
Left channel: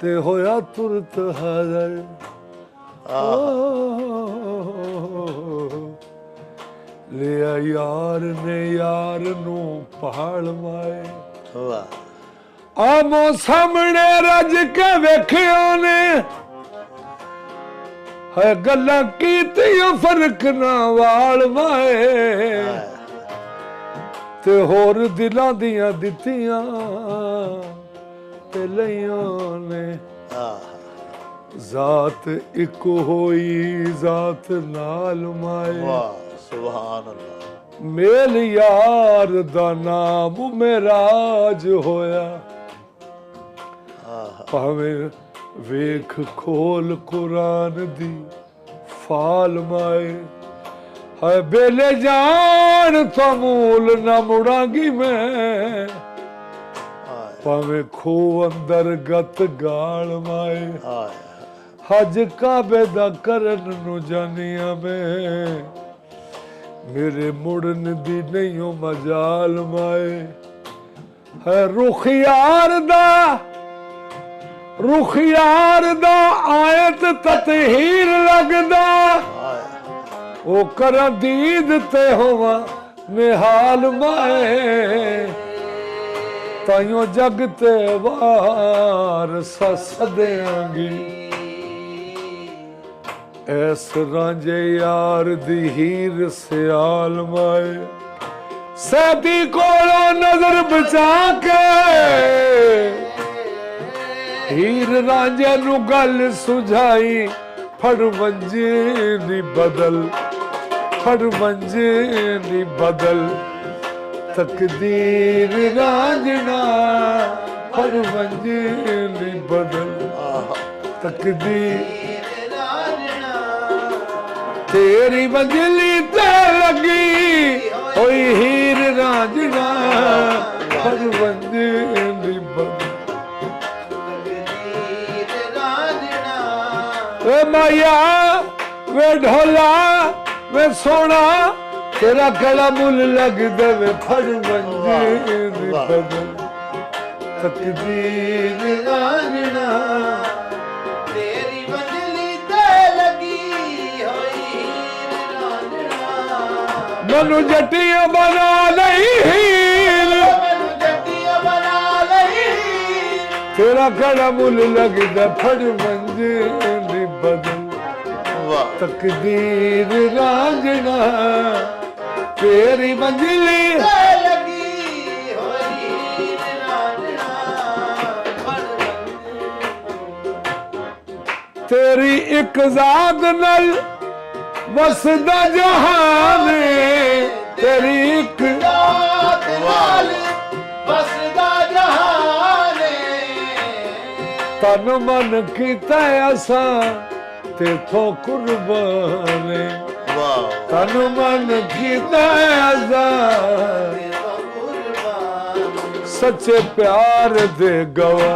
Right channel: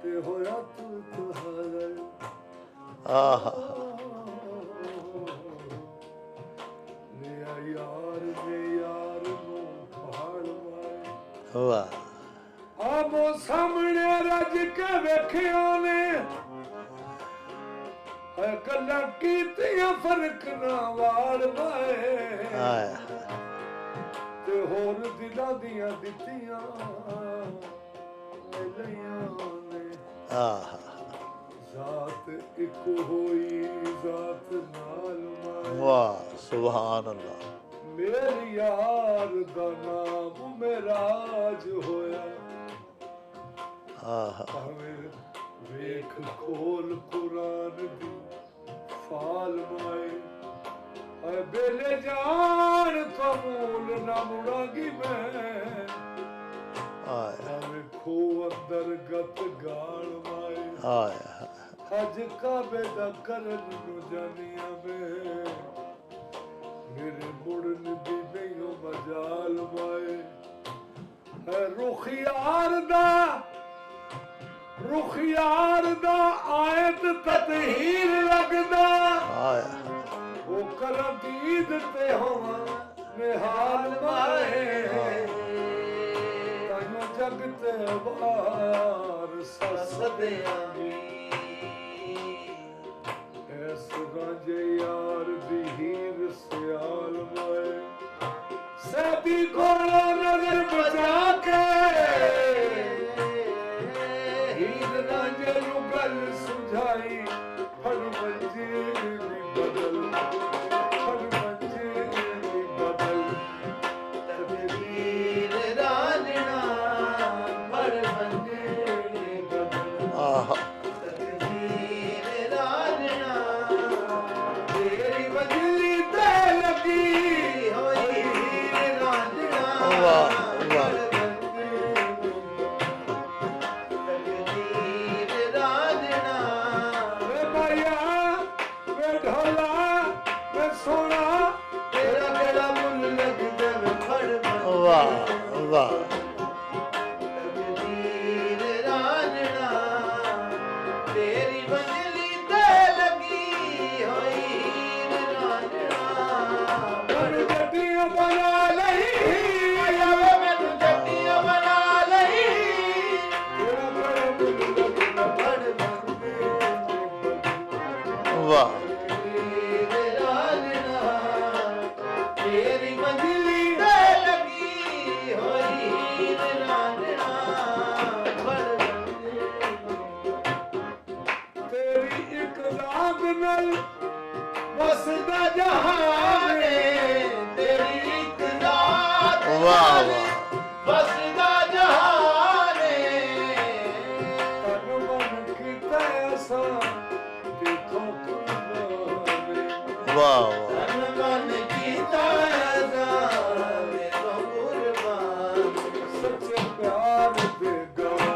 ਤੇ ਹੋਇਆ ਤੁਰਤ ਹਾਜ਼ਰ। ਲਿਆ ਯਾਰ ਨੇ ਯਾਰ ਨੂੰ ਪਹਾੜ ਮਾਏ, ਵਾਹ, ਆਮੋ ਸਾਹਮਣੇ ਰੱਜ ਕੇ ਵੇਖਿਓ ਨੇ ਹੈ ਗੱਲਾਂ ਕੀਤੀਆਂ ਫਰਕ ਨਾ ਵਾਲ ਮਾਏ ਤੇ ਹੋਰ ਦਿਲਾਂ ਦੀਆਂ ਦਿੱਤੀਆਂ ਤੇ ਲਈਆਂ ਨੇ ਜ਼ਾਤ ਇੱਕ ਹੋਈ ਜ਼ਾਤ ਨਾਲ ਮਾਏ ਵਾਹ ਸੁਭਾਨ ਅੱਲਾਹ ਮੇਲ ਯਾਰ ਦਾ ਨਾਮ ਮੇਰਾਜ ਹੋਇਆ ਭਾਵੇਂ ਵੇਖ ਖੋਲ ਕੁਰਾਨ ਦੀ ਫਾਲ ਮਾਏ ਹੈ ਬੇਲੇ ਜਾਣ ਤੋਂ ਮੂਲ ਨਾ ਮੁੜਾਂਗੀ ਮੈਂ ਭਾਵੇਂ ਖੋ ਅੰਦਰ ਗਤ ਗਾਲ ਮਾਏ ਹਜ ਕਾਬੇ ਦਾ ਕਰਨ ਨੂੰ ਜਾਨੀਆਂ ਮੈਂ ਮੇਰੇ ਮੁੜਨ ਦੀ ਨਹੀਂ ਓ ਮਜਾਲ ਮਾਏ ਹੈ ਰੁਖ ਯਾਰ ਦਾ ਆਇਤ ਤਤਹੀਰ ਲੱਗਦਾ ਉਹ ਕਰਾਂ ਦੀਦ ਤੇ ਹੋਵਾਂ ਨਿਹਾਲ ਮਾਏ ਤਾਈਓ ਜਗ ਤੇ ਵਾਰ ਸੱਸ ਦਿਆਂਗੀ ਐਸ ਰਾਂਝੇ ਯਾਰ ਦੀ ਹੀਰ ਸਿਆਲ ਮਾਏ ਸੈਦੀ ਕੋਲੋਂ ਨਜ਼ਰ ਬਚਾ ਕੇ ਹੀਰ ਰਾਂਝੇ ਨੂੰ ਗੱਲ ਸੁਝਾਈ ਫੜ ਮੰਜੇ ਨੀ ਬਦਲ ਫੜ ਮੰਜੇ ਨੀ ਬਦਲ ਤਕਦੀਰ ਰਾਂਝਣਾ ਫੜ ਮੰਜੇ ਨੀ ਬਦਲ ਤਕਦੀਰ ਤੇਰੀ ਬੰਜਲੀ ਤੇ ਲੱਗੀ ਹੋਈ ਹੀਰ ਰਾਂਝਣਾ ਫੜ ਮੰਜੇ ਨੀ ਬਦਲ ਵੇ ਮਾਇਆ ਵੇ ਢੋਲਾ ਵੇ ਸੋਣਾ ਤੇਰਾ ਗਲਾ ਮੁੱਲ ਲੱਗਦਾ ਵੇ ਫੜ ਮੰਜੇ ਨੀ ਬਦਲ ਤਕਦੀਰ ਰਾਂਝਣਾ ਤੇਰੀ ਬੰਜਲੀ ਤੇ ਲੱਗੀ ਹੋਈ ਹੀਰ ਰਾਂਝਣਾ ਮੈਨੂੰ ਜੱਟੀਆਂ ਬਣਾ ਲਈ ਮੈਨੂੰ ਜੱਟੀਆਂ ਬਣਾ ਲਈ ਤੇਰਾ ਗਲਾ ਮੁੱਲ ਲੱਗਦਾ ਫੜ ਮੰਜੇ ਨੀ ਬਦਲ ਵਾਹ ਤਕਦੀਰ ਰਾਂਝਣਾ ਤੇਰੀ ਮੰਜ਼ਲੀ ਤੇ ਲੱਗੀ ਹੋਈ ਹੀਰ ਰਾਂਝਣਾ ਫੜ ਤੇਰੀ ਇੱਕ ਜ਼ਾਤ ਨਾਲ ਵਸਦਾ ਜਹਾਨ ਤੇਰੀ ਇੱਕ ਵਾਹ ਵਸਦਾ ਜਹਾਨ ਤਨ ਮਨ ਕੀਤਾ ਅਸਾਂ ਤੇਥੋਂ ਕੁਰਬਾਨ ਵਾਹ ਤਨ ਮਨ ਕੀਤਾ ਅਸਾਂ ਸੱਚੇ ਪਿਆਰ ਦੇ ਗਵਾ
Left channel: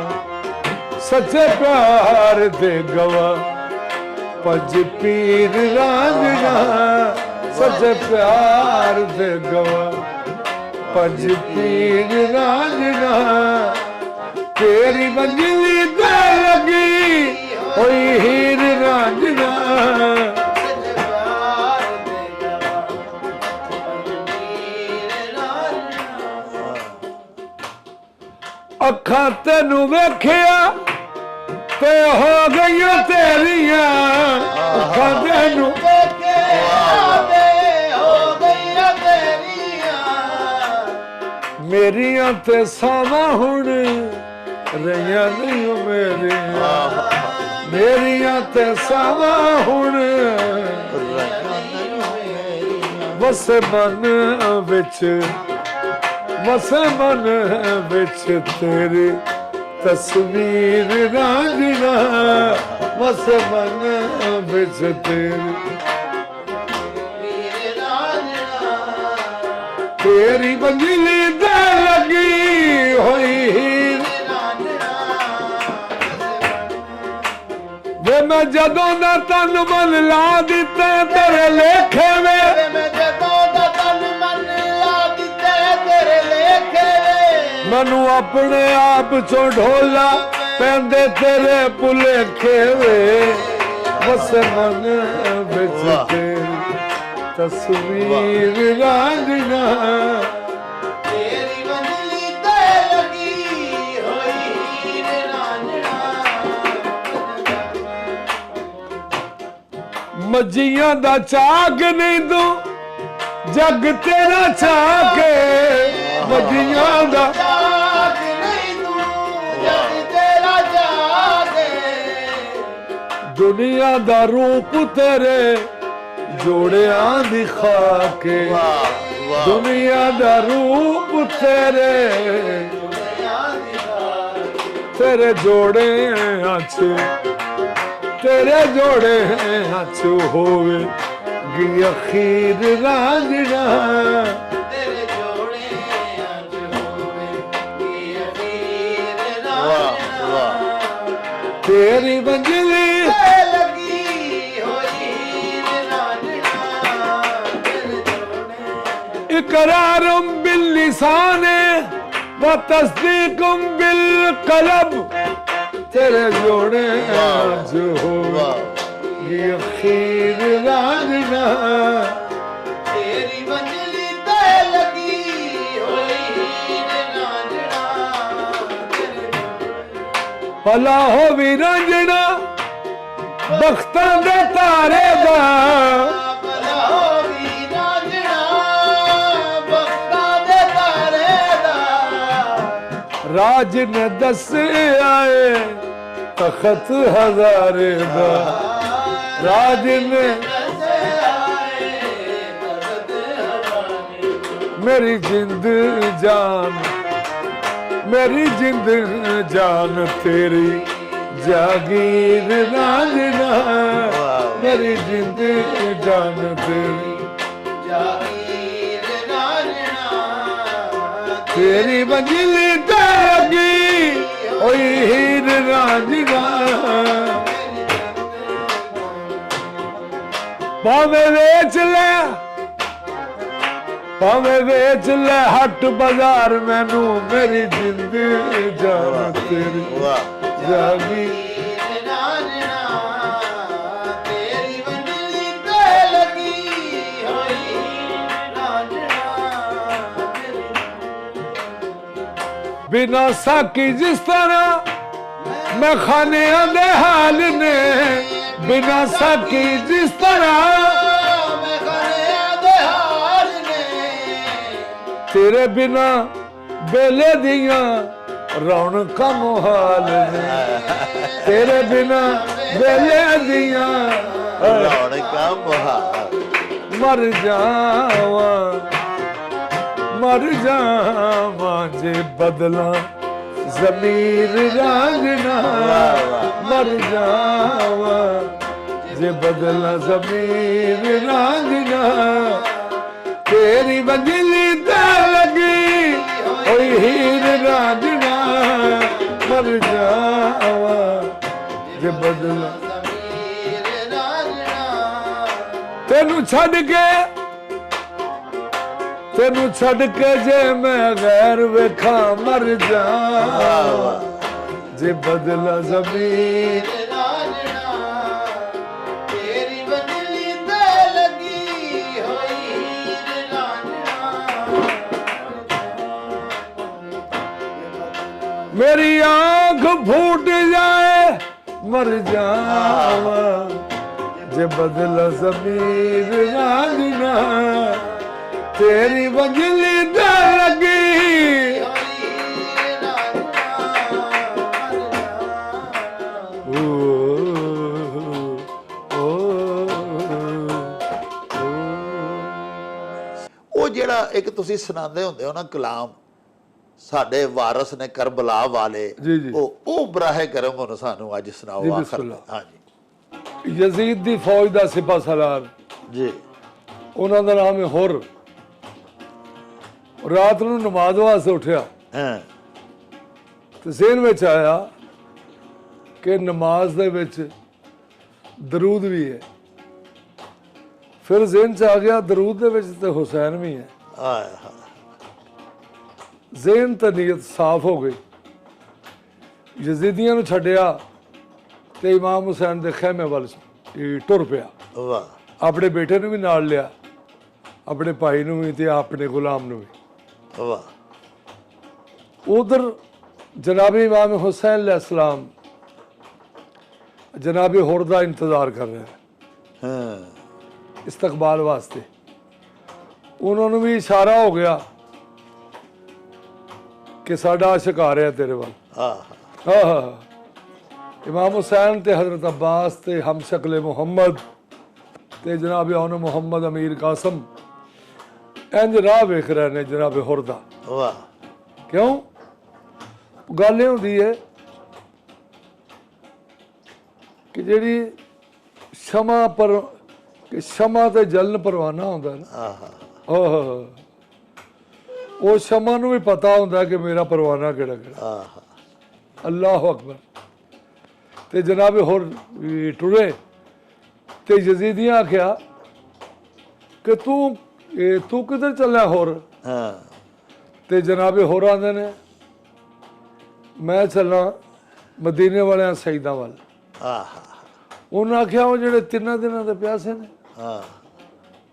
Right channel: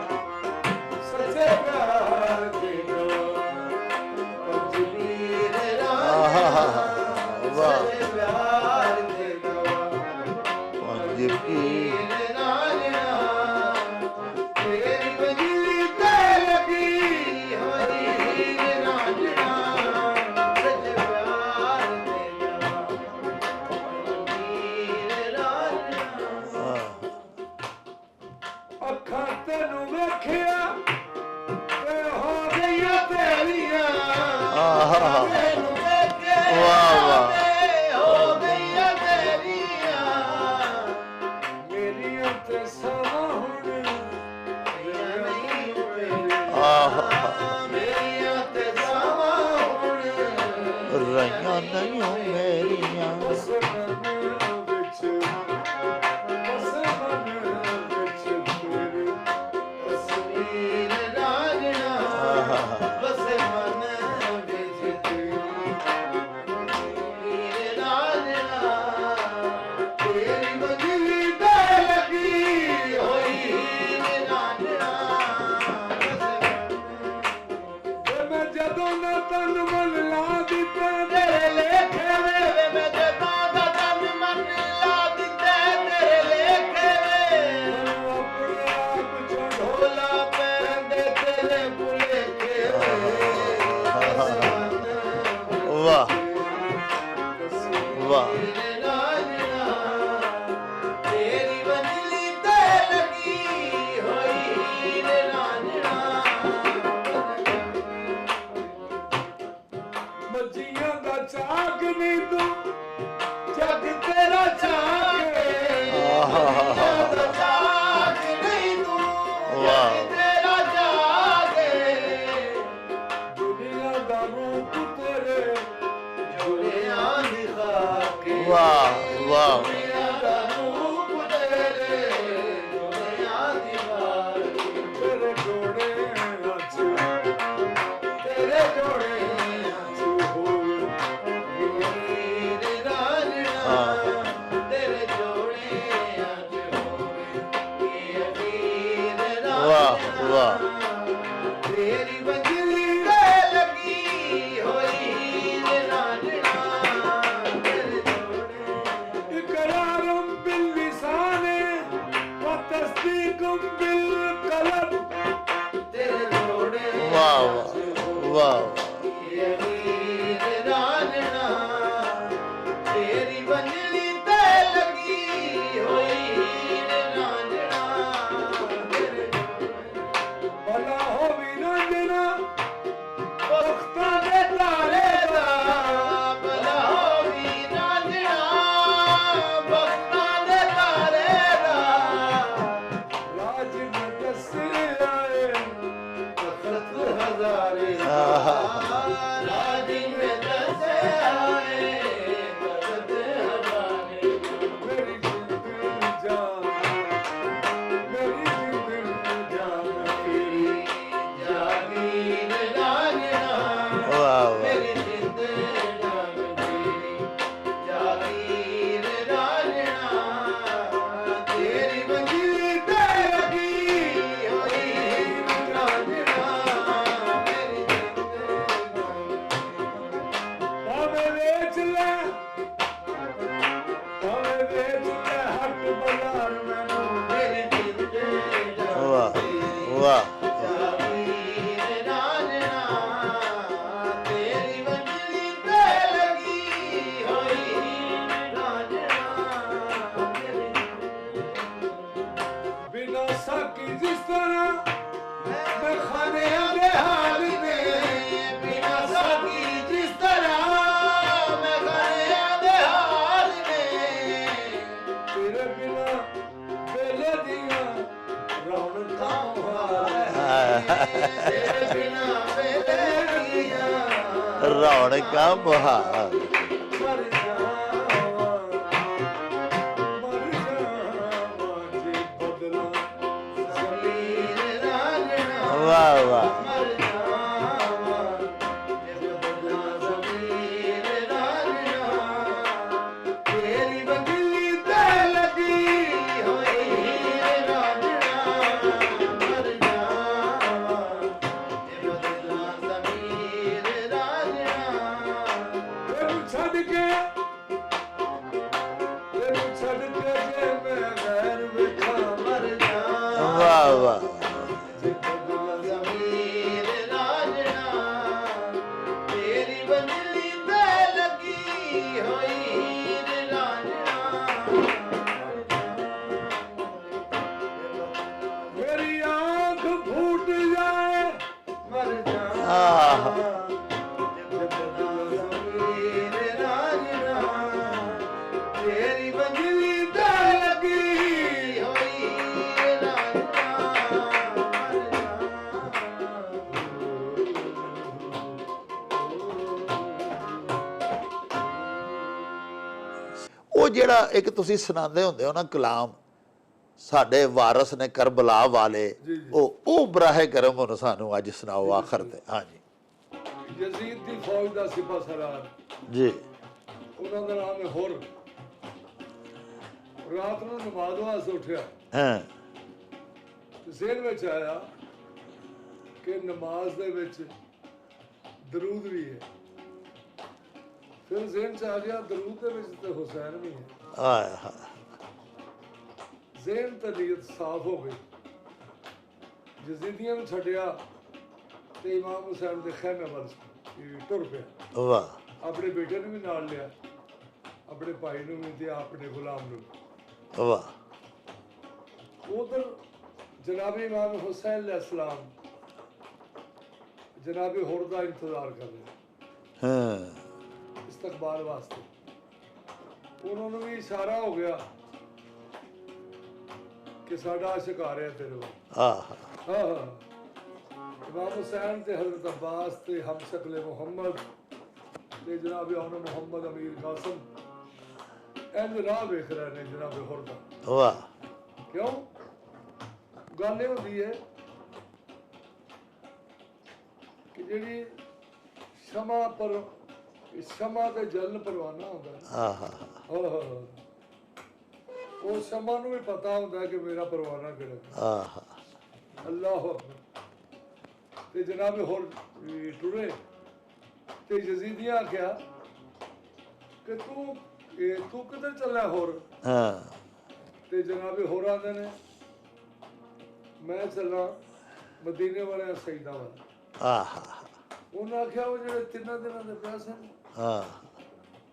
ਸੱਚੇ ਪਿਆਰ ਦੇ ਗਵਾ ਪੰਜ ਪੀਰ ਰਾਂਝਣਾ ਸੱਚੇ ਪਿਆਰ ਦੇ ਗਵਾ ਪੰਜ ਪੀਰ ਰਾਂਝਣਾ ਤੇਰੀ ਮੰਜ਼ਲੀ ਤੇ ਲੱਗੀ ਹੋਈ ਹੀਰ ਰਾਂਝਣਾ ਅੱਖਾਂ ਤੈਨੂੰ ਵੇਖਿਆ ਤੇ ਹੋ ਗਈਆਂ ਤੇਰੀਆਂ ਅੱਖਾਂ ਤੈਨੂੰ ਮੇਰੀਆਂ ਤੇ ਸਾਵਾਂ ਹੁਣ ਰਹੀਆਂ ਨਹੀਂ ਓ ਮੇਰੀਆਂ ਤੇ ਸਾਵਾਂ ਹੁਣ ਰਹੀਆਂ ਨਹੀਂ ਮੇਰੀਆਂ ਵਸ ਮਨ ਵਿੱਚ ਤੇਰੀ ਤਸਵੀਰ ਰਾਂਝਣਾ ਵਸ ਮਨ ਵਿੱਚ ਤੇਰੀ ਤੇਰੀ ਬੰਜਲੀ ਤੇ ਲੱਗੀ ਹੋਈ ਹੀਰ ਵੇ ਮੈਂ ਜਦੋਂ ਦਾ ਤਨ ਮਨ ਲਾ ਦਿੱਤਾ ਤੇਰੇ ਲੇਖੇ ਵੇ ਮੈਂ ਜਦੋਂ ਦਾ ਤਨ ਮਨ ਲਾ ਦਿੱਤੇ ਤੇਰੇ ਲੇਖੇ ਮੈਨੂੰ ਆਪਣੇ ਆਪ ਚੋਂ ਢੋਲਾ ਪੈਂਦੇ ਤੇਰੇ ਭੁਲੇਖੇ ਵੇ ਬਸ ਮਨ ਵਾਹ। ਵਿੱਚ ਤੇਰੀ ਤਸਵੀਰ ਰਾਂਝਣਾ ਤੇਰੀ ਬੰਜਲੀ ਤੇ ਲੱਗੀ ਹੋਈ ਮੱਜੀਆਂ ਦਾ ਚਾਕ ਨਹੀਂ ਤੂੰ ਜੱਗ ਤੇਰਾ ਛਾਕੇ ਮੱਜੀਆਂ ਦਾ ਜਾਗ ਨਹੀਂ ਤੂੰ ਜਗ ਤੇਰਾ ਜਾਗੇ ਦੁਨੀਆ ਦਾ ਰੂਪ ਤੇਰੇ ਜੋੜਿਆਂ ਦੀ ਖਾਕੇ ਵਾਹ ਵਾਹ ਦੁਨੀਆ ਦਾ ਰੂਪ ਤੇਰੇ ਤੇਰੇ ਜੋੜਿਆਂ 'ਚ ਤੇਰੇ ਜੋੜਿਆਂ 'ਚ ਹੋਵੇ ਗੀ ਅਖੀਰ ਰਾਂਝਣਾ ਤੇਰੇ ਜੋੜਿਆਂ ਚ ਹੋਵੇ ਕੀ ਅਖੀਰ ਵਾਹ ਵਾਹ ਤੇਰੀ ਬੰਜਲੀ ਤੇ ਲੱਗੀ ਹੋਈ ਰਾਂਝਣਾ ਤੇਰੇ ਜੋੜੇ ਇਕਰਾਰਮ ਬਿਲ ਲਿਸਾਨੇ व तस्दीकुम बिल कलब तेरे जोड़े वाह जो हो वाह ये अखीर रांझना ਤੇਰੀ ਬੰਜਲੀ ਤੇ ਲੱਗੀ ਹੋਈ ਰਾਂਝਣਾ ਤੇਰੇ भला हो भी रांझना बख्तां दे तारे दा ਭਲਾ ਹੋਵੀ ਰਾਂਝਣਾ ਬਖਤਾਂ ਦੇ ਤਾਰੇ ਦਾ राज ने दस आए तखत हजारे दा राज ने मेरी जिंद जान तेरी जागीर रांझना वाह। मेरी जिंद जान तेरी ਜਾਗੀਰ ਰਾਂਝਣਾ तेरी मंजिल जागी ओई हीर रांझना भावे बेच ले हट बाजार मैनू मेरी जिंद जान तेरी वाह जागी ਰਾਂਝਣਾ ਤੇਰੀ ਬੰਜਲੀ ਤੇ ਲੱਗੀ ਹੋਈ ਰਾਂਝਣਾ बिना साकी जिस तरह मैं खाने दे हाल ने बिना साकी जिस तरह ਮੈਂ ਖਾਣੇ ਦੇ ਹਾਲ ਨੇ तेरे बिना बेले दिया रौनका मुहाल है तेरे बिना बेले दिया ਰੌਣਕਾਂ ਬਹਾਰ मर जावा जे बदला जमीर रांझना वाह वाह मर जावा जे बदला जमीर रांझना तेरी बदली ते लगी ओई हीर रांझना मर जावा जे बदला ਜ਼ਮੀਰ ਰਾਂਝਣਾ तेनू छड़ के जे मैं गैर वेखा मर जा ਵਾਹ ਵਾਹ जे बदला जमीन ਰਾਂਝਣਾ ਤੇਰੀ ਬੰਜਲੀ ਤੇ ਲੱਗੀ ਹੋਈ ਰਾਂਝਣਾ मेरी आंख फूट जाए मर जा जे बदला जमीन रांझना तेरी बदली ते लगी ओ, ओ, ਉਹ ਜਿਹੜਾ ਇੱਕ ਤੁਸੀਂ ਸੁਣਾਉਂਦੇ ਹੁੰਦੇ ਹੋ ਨਾ ਕਲਾਮ ਸਾਡੇ ਵਾਰਸ ਨੇ ਕਰਬਲਾ ਵਾਲੇ ਜੀ, ਜੀ। ਉਹ ਬਰਾਹੇ ਕਰਮ ਹੁਣ ਸਾਨੂੰ ਅੱਜ ਸੁਣਾਓ ਜੀ, ਆਖਰ ਤੇ ਬਿਸਮਿਲ੍ਲਾ। ਹਾਂਜੀ ਯਜ਼ੀਦ ਦੀ ਫੌਜ ਦਾ ਸਿਪਾਹ ਸਾਲਾਰ ਜੀ ਉਹਨਾਂ ਦਾ ਨਾਮ ਹੈ ਹੁਰ ਰਾਤ ਨੂੰ ਨਮਾਜ਼ ਵਾਸਤੇ ਉੱਠਿਆ ਹਾਂ ਤੇ ਜ਼ਿਹਨ ਵਿੱਚ ਆਇਆ ਕਿ ਨਮਾਜ਼ ਦੇ ਵਿੱਚ ਦਰੂਦ ਵੀ ਹੈ ਫਿਰ ਜ਼ਿਹਨ ਚ ਆ ਗਿਆ ਦਰੂਦ ਦੇ ਵਿੱਚ ਤੇ ਹੁਸੈਨ ਵੀ ਹੈ ਆਏ ਹਾਂ ਜ਼ਿਹਨ ਤੇ ਨੀਅਤ ਸਾਫ਼ ਹੋ ਗਈ ਯਜ਼ੀਦੀਆਂ ਨੂੰ ਛੱਡਿਆ ਤੇ ਇਮਾਮ ਹੁਸੈਨ ਦੇ ਖੈਮੇ ਵੱਲ ਟੁਰ ਪਿਆ ਵਾਹ ਆਪਣੇ ਬੇਟੇ ਨੂੰ ਵੀ ਨਾਲ ਲਿਆ ਆਪਣੇ ਭਾਈ ਨੂੰ ਵੀ ਤੇ ਆਪਣੇ ਗੁਲਾਮ ਨੂੰ ਵੀ ਵਾਹ उधर जनाब इमाम हुसैन अलैहिस्सलाम जनाब हुर का इंतजार कर रहे हैं ਹਾਂ ਇਸਤਕਬਾਲ ਵਾਸਤੇ। ਉਹਨਾਂ ਨੂੰ ਵੀ ਇਸ਼ਾਰਾ ਹੋ ਗਿਆ ਕਿ ਸਾਡਾ ਆਸ਼ਿਕ ਆ ਰਿਹਾ ਤੇਰੇ ਵੱਲ। ਆਹ ਹਾਂ ਇਮਾਮ ਹੁਸੈਨ ਤੇ ਹਜ਼ਰਤ ਅब्बास ਤੇ ਹਮਸ਼ਕਲ ਮੁਹੰਮਦ ਤੇ ਜਨਾਬ ਔਨ ਮੁਹੰਮਦ ਅਮੀਰ ਕਾਸਮ ਇੰਜ ਰਾਹ ਵੇਖ ਰਹੇ ਨੇ ਜਨਾਬ ਹੁਰ ਦਾ। ਵਾਹ ਕਿਉਂ? ਗੱਲ ਇਹ ਹੁੰਦੀ ਹੈ ਕਿ ਜਿਹੜੀ ਸ਼ਮਾ ਪਰ ਕਿ ਸ਼ਮਾ ਤੇ ਜਲਨ ਪਰਵਾਨਾ ਹੁੰਦਾ ਨਾ, ਆਹ ਆਹ ਉਹ ਸ਼ਮਾ ਨੂੰ ਵੀ ਪਤਾ ਹੁੰਦਾ ਕਿ ਮੇਰਾ ਪਰਵਾਨਾ ਕਿਹੜਾ ਕਿਹੜਾ। ਆਹ ਅੱਲਾਹੁ ਅਕਬਰ। ਤੇ ਜਨਾਬ ਹੋਰ ਟੁਰੇ ਤੇ ਯਜ਼ੀਦੀਆਂ ਆਖਿਆ ਕਿ ਤੂੰ ਕਿੱਧਰ ਚੱਲਿਆ ਹੋਰ? ਹਾਂ ਤੇ ਜਨਾਬ ਹੋਰ ਆਂਦੇ ਨੇ ਮੈਂ ਚੱਲਾਂ ਮਦੀਨੇ ਵਾਲਿਆਂ ਸਈਦਾਂ ਵੱਲ। ਆਹ ਉਹਨਾਂ ਆਖਿਆ ਉਹ ਜਿਹੜੇ 3 ਦਿਨਾਂ ਦੇ ਪਿਆਸੇ ਨੇ। ਹਾਂ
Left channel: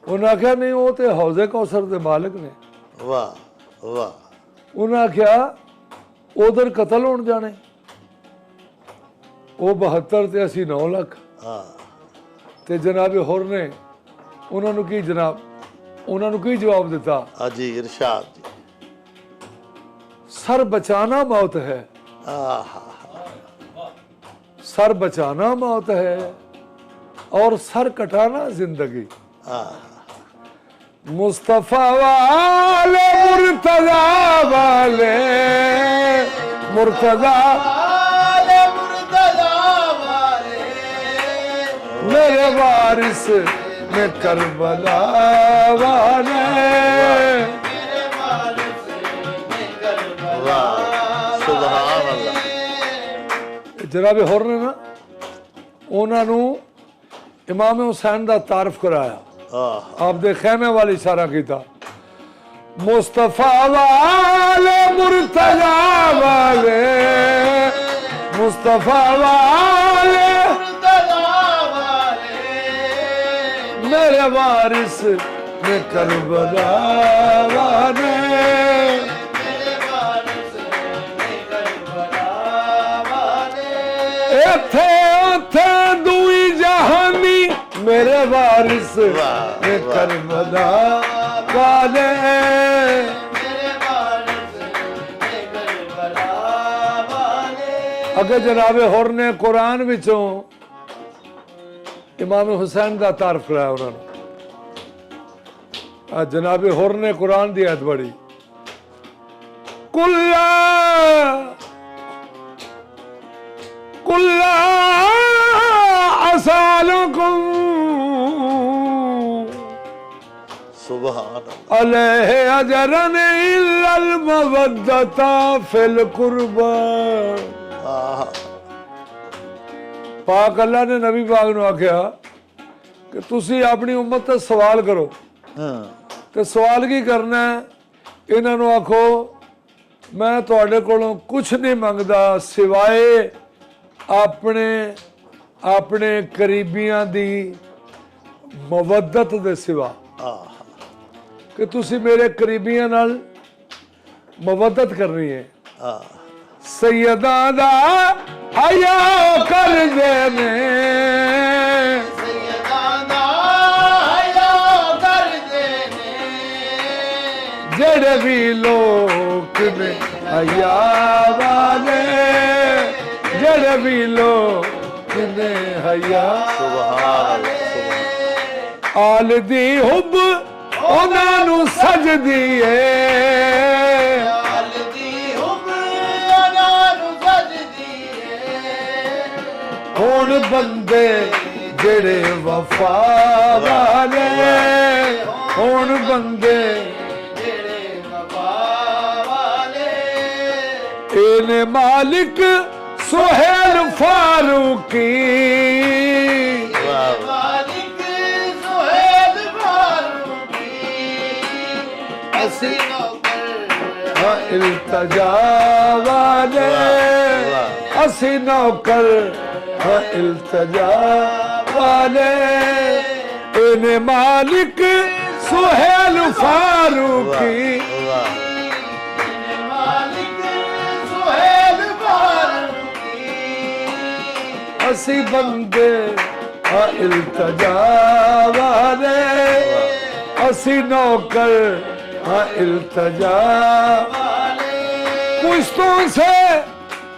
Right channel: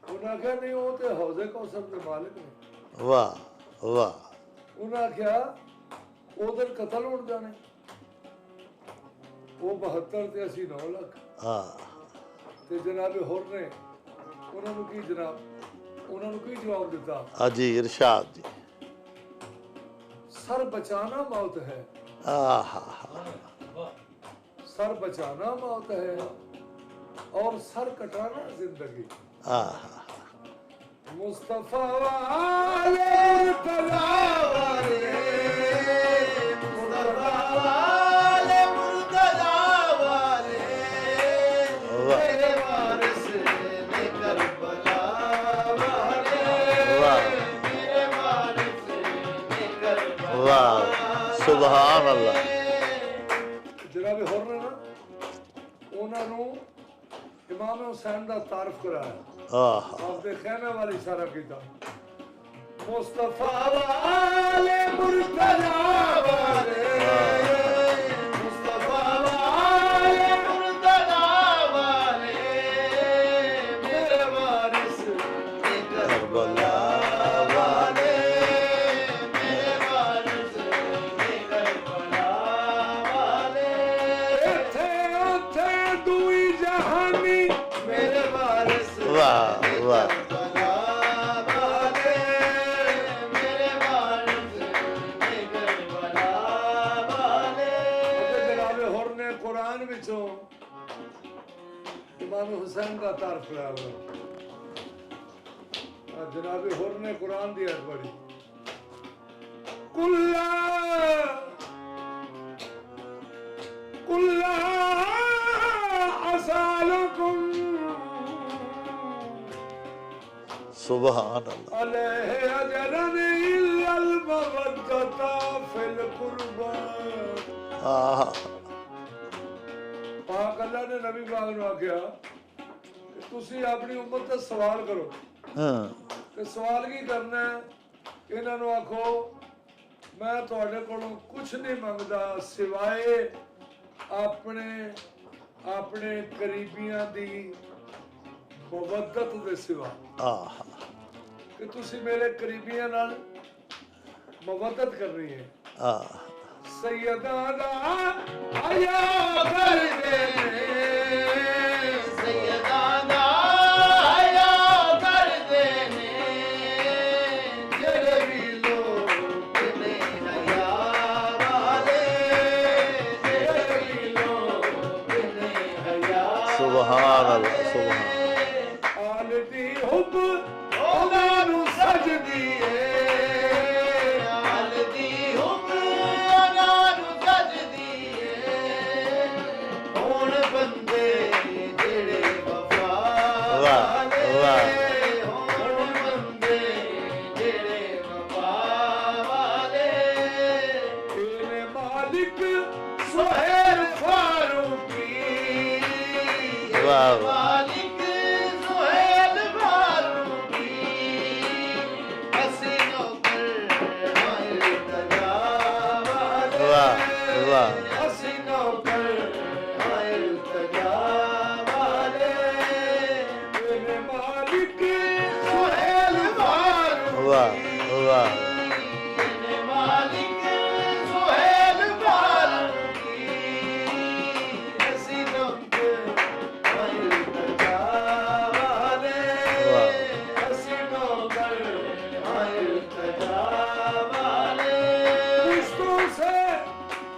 ਉਹਨਾਂ ਆਖਿਆ ਨਹੀਂ ਉਹ ਤੇ ਹੌਜ਼ੇ ਕੌਸਰ ਦੇ ਮਾਲਕ ਨੇ। ਵਾਹ ਵਾਹ ਉਹਨਾਂ ਆਖਿਆ ਉਧਰ ਕਤਲ ਹੋਣ ਜਾਣੇ, ਉਹ 72 ਤੇ ਅਸੀਂ 9 ਲੱਖ। ਆਹ ਤੇ ਜਨਾਬ ਹੋਰ ਨੇ ਉਹਨਾਂ ਨੂੰ ਕੀ ਜਵਾਬ ਦਿੱਤਾ? ਅਜੀ ਇਰਸ਼ਾਦ ਜੀ सर बचाना मौत है, ਆਹ सर बचाना मौत है और सर कटाना जिंदगी। ਆਹ मुस्तफा वाले मुर्तजा वाले मुर्तजा वाले मुर्तजा वाले मेरे वारिस में करबला वाले। मेरे वारिस ने करबला ਵਾਹ ਸੁਭਾਨ ਅੱਲਾਹ जनाब होर ने ना उन्होंने इमाम हुसैन का तारफ कराया। ਆਹ आपदे खैमे वाल इशारा किया मुस्तफा वाले मुर्तजा वाले मुस्तफा वाले मुर्तजा वाले मेरे वारिस में करबला वाले। मेरे वारिस ने करबला वाले इथे उथे दुई जहानी मेरे वारिस वाह, में वाह। करबला वाले। मेरे वारिस ने करबला वाले अगर जनाबे होर ने कुरान विचों इमाम हुसैन का तारफ कराया उन्होंने। जनाबे होर ने कुरान की आयत बड़ी कुल्ला कुल्ला असालुकुम ਸੁਭਾਨ ਅੱਲਾਹ अलैहि अजरन इल्लल मवद्दता फिल कुर्बा। ਆਹ पाक अल्लाह ने नबी पाक ਨੂੰ ਆਖਿਆ ਕਿ ਤੁਸੀਂ ਆਪਣੀ ਉਮਤ ਤੋਂ ਸਵਾਲ ਕਰੋ। ਹਾਂ ਤੇ ਸਵਾਲ ਕੀ ਕਰਨਾ ਹੈ? ਇਹਨਾਂ ਨੂੰ ਆਖੋ ਮੈਂ ਤੁਹਾਡੇ ਕੋਲੋਂ ਕੁਝ ਨਹੀਂ ਮੰਗਦਾ ਸਿਵਾਏ ਆਪਣੇ ਕਰੀਬੀਆਂ ਦੀ ਮਵੱਦਤ ਦੇ ਸਿਵਾ, ਆਹ ਕਿ ਤੁਸੀਂ ਮੇਰੇ ਕਰੀਬੀਆਂ ਨਾਲ ਮਵੱਦਤ ਕਰਨੀ ਹੈ। ਆਹ ਸੈਯਦਾਂ ਦਾ ਹਯਾ ਕਰ ਦੇਨੇ ਸੈਯਦਾਨਾ ਹਯਾ ਕਰਦੇ ਨੇ ਜਿਹੜੇ ਵੀ ਲੋਕ ਨੇ ਹਯਾ ਵਾਲੇ, ਜਿਹੜੇ ਵੀ ਲੋਕ ਨੇ ਹਯਾ। ਸੁਭਾਨ ਅੱਲਾਹ ਸੁਭਾਨ ਆਲ ਦੀ ਹੁਬ ਉਹਨਾਂ ਨੂੰ ਸਜਦੀ ਏ। ਹਲਦੀ ਹੁਬਰਾਂ ਨੂੰ ਸਜਦੀ ਏ ਹੁਣ ਬੰਦੇ ਜਿਹੜੇ ਵਫਾ ਵਾਲੇ, ਹੁਣ ਬੰਦੇ ਜਿਹੜੇ ਵਫਾ ਵਾਲੇ ਇਹਨੇ ਮਾਲਿਕ ਸੁਹੇਲ ਫਾਰੂਕੀ। ਵਾਹ ਵਾਹ ਮਾਲਿਕ ਸੁਹੇਲ ਫਾਰੂਕੀ ਅਸੀਂ ਨੌਕਰ ਇਲਤਜਾ ਵਾਲੇ, ਵਾਹ ਵਾਹ ਅਸੀਂ ਨੌਕਰ ਇਲਤਜਾ ਵਾਲੇ। ਇਹਨੇ ਮਾਲਿਕ ਸੁਹੇਲ ਫਾਰੂਕੀ। ਵਾਹ ਮਾਲਿਕ ਸੁਹੇਲ ਫਾਰੂਕੀ ਅਸੀਂ ਬੰਦੇ हाँ इल्तजा वाले असी नौकर हाँ इल्तजा वाले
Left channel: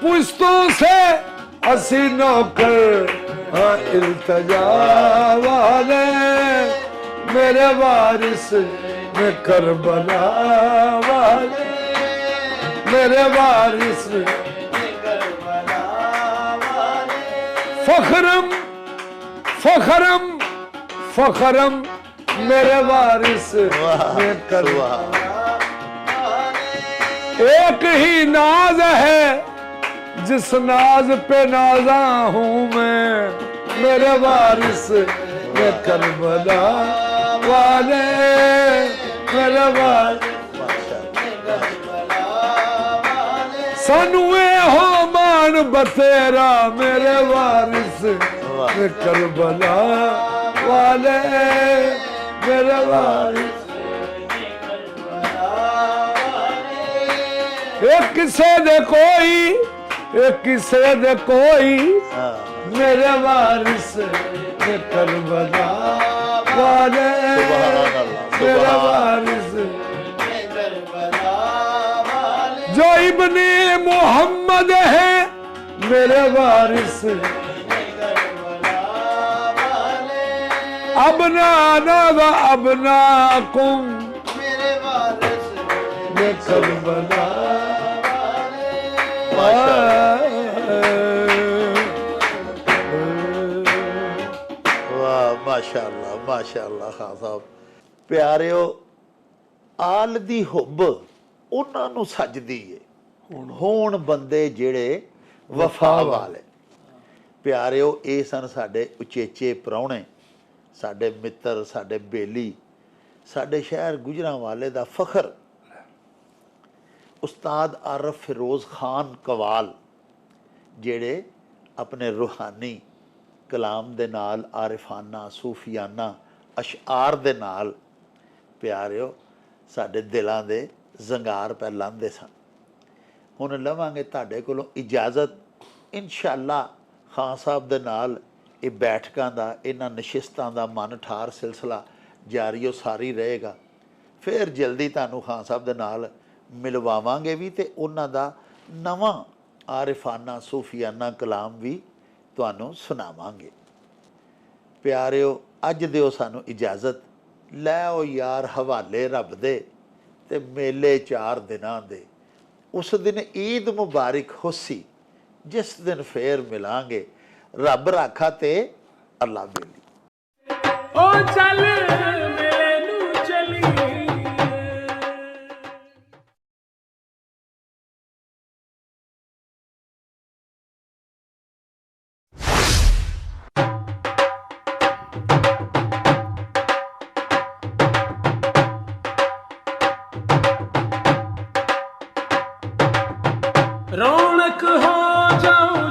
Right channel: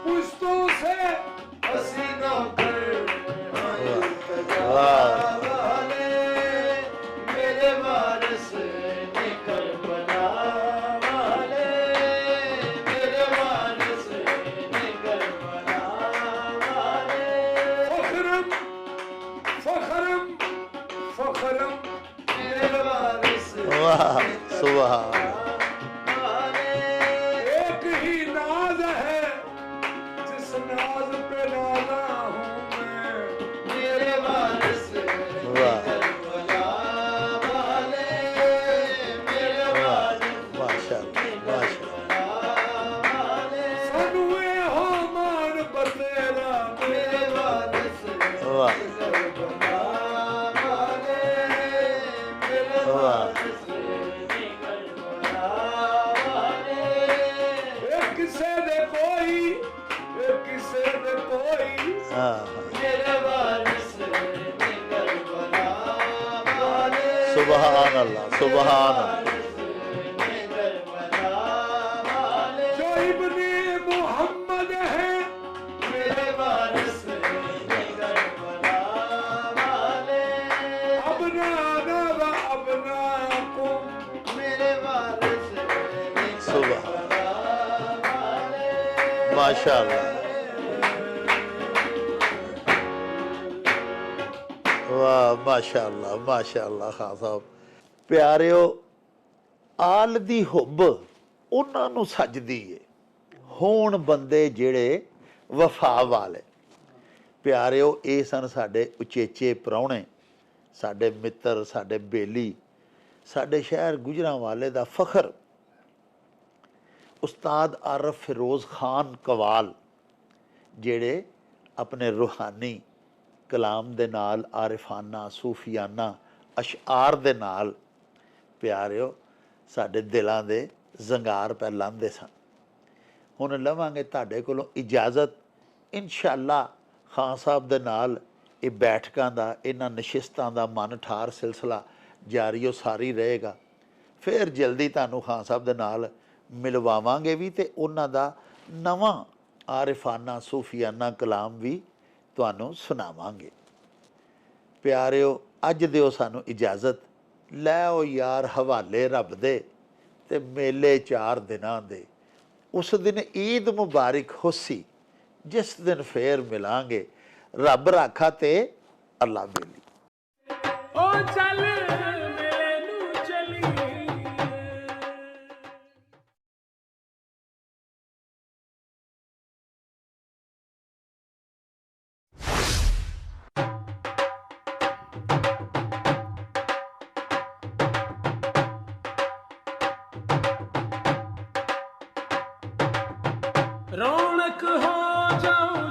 पुश्तों से असी नौकर हाँ इल्तजा वाले मेरे वारिस में करबला वाले मेरे वारिस में करबला वाले फखरम मेरे वारिस वाह में सुबह एक ही नाज है जिस नाज पे नाजा हूँ मैं मेरे वारिस में करबला वाले मेरे वारिस माशाअल्लाह सानू हो मान बतेरा मेरे वारिस वाह। में करबला वाले मेरे वारिस एक किसे दे कोई हाँ मेरे वारिस में करबला वाले सुभान अल्लाह सुभान वारिस में करबला वाले जो इब्ने मोहम्मद है मेरे वारिस में करबला वाले अबनाना व अबनाकुम मेरे वारिस में करबला माशाअल्लाह वाह माशाअल्लाह माशाअल्लाह खान साहब प्यारिਓ ਆਲ ਦੀ ਹੁੱਬ ਉਹਨਾਂ ਨੂੰ ਸੱਜਦੀ ਏ ਹੋਣ ਬੰਦੇ ਜਿਹੜੇ ਵਫਾ ਵਾਲੇ ਪਿਆਰਿਓ ਇਹ ਸਨ ਸਾਡੇ ਉਚੇਚੇ ਪ੍ਰਾਹੁਣੇ ਸਾਡੇ ਮਿੱਤਰ ਸਾਡੇ ਬੇਲੀ ਸਾਡੇ ਸ਼ਹਿਰ ਗੁਜਰਾਂਵਾਲੇ ਦਾ ਫਖਰ ਉਸਤਾਦ ਆਰਫ ਫਿਰੋਜ਼ ਖਾਨ ਕਵਾਲ ਜਿਹੜੇ ਆਪਣੇ ਰੂਹਾਨੀ ਕਲਾਮ ਦੇ ਨਾਲ ਆਰਿਫਾਨਾ ਸੂਫੀਆਨਾ ਅਸ਼ਆਰ ਦੇ ਨਾਲ ਪਿਆਰਿਓ ਸਾਡੇ ਦਿਲਾਂ ਦੇ ਜ਼ੰਗਾਰ ਪੈ ਲਾਂਦੇ ਸਨ ਹੁਣ ਲਵਾਂਗੇ ਤੁਹਾਡੇ ਕੋਲੋਂ ਇਜਾਜ਼ਤ ਇਨਸ਼ਾਅੱਲਾ ਖਾਨ ਸਾਹਿਬ ਦੇ ਨਾਲ ਇਹ ਬੈਠਕਾਂ ਦਾ ਇਹਨਾਂ ਨਸ਼ਿਸਤਾਂ ਦਾ ਮਨ ਠਾਰ ਸਿਲਸਿਲਾ ਜਾਰੀਓ ਸਾਰੀ ਰਹੇਗਾ ਫਿਰ ਜਲਦੀ ਤੁਹਾਨੂੰ ਖਾਨ ਸਾਹਿਬ ਦੇ ਨਾਲ ਮਿਲਵਾਵਾਂਗੇ ਵੀ ਤੇ ਉਹਨਾਂ ਦਾ ਨਵਾਂ ਆਰਿਫਾਨਾ ਸੂਫੀਆਨਾ ਕਲਾਮ ਵੀ ਤੁਹਾਨੂੰ ਸੁਣਾਵਾਂਗੇ ਪਿਆਰਿਓ ਅੱਜ ਦਿਓ ਸਾਨੂੰ ਇਜਾਜ਼ਤ ਲੈ ਆਓ ਯਾਰ ਹਵਾਲੇ ਰੱਬ ਦੇ ਤੇ ਮੇਲੇ 4 ਦਿਨਾਂ ਦੇ ਉਸ ਦਿਨ ਈਦ ਮੁਬਾਰਕ ਹੋਸੀ ਜਿਸ ਦਿਨ ਫੇਰ ਮਿਲਾਂਗੇ ਰੱਬ ਰਾਖਾ ਤੇ ਅੱਲਾ ਬੇਲੀ ओ चल मेले नू चलिए रौनक हो जाऊं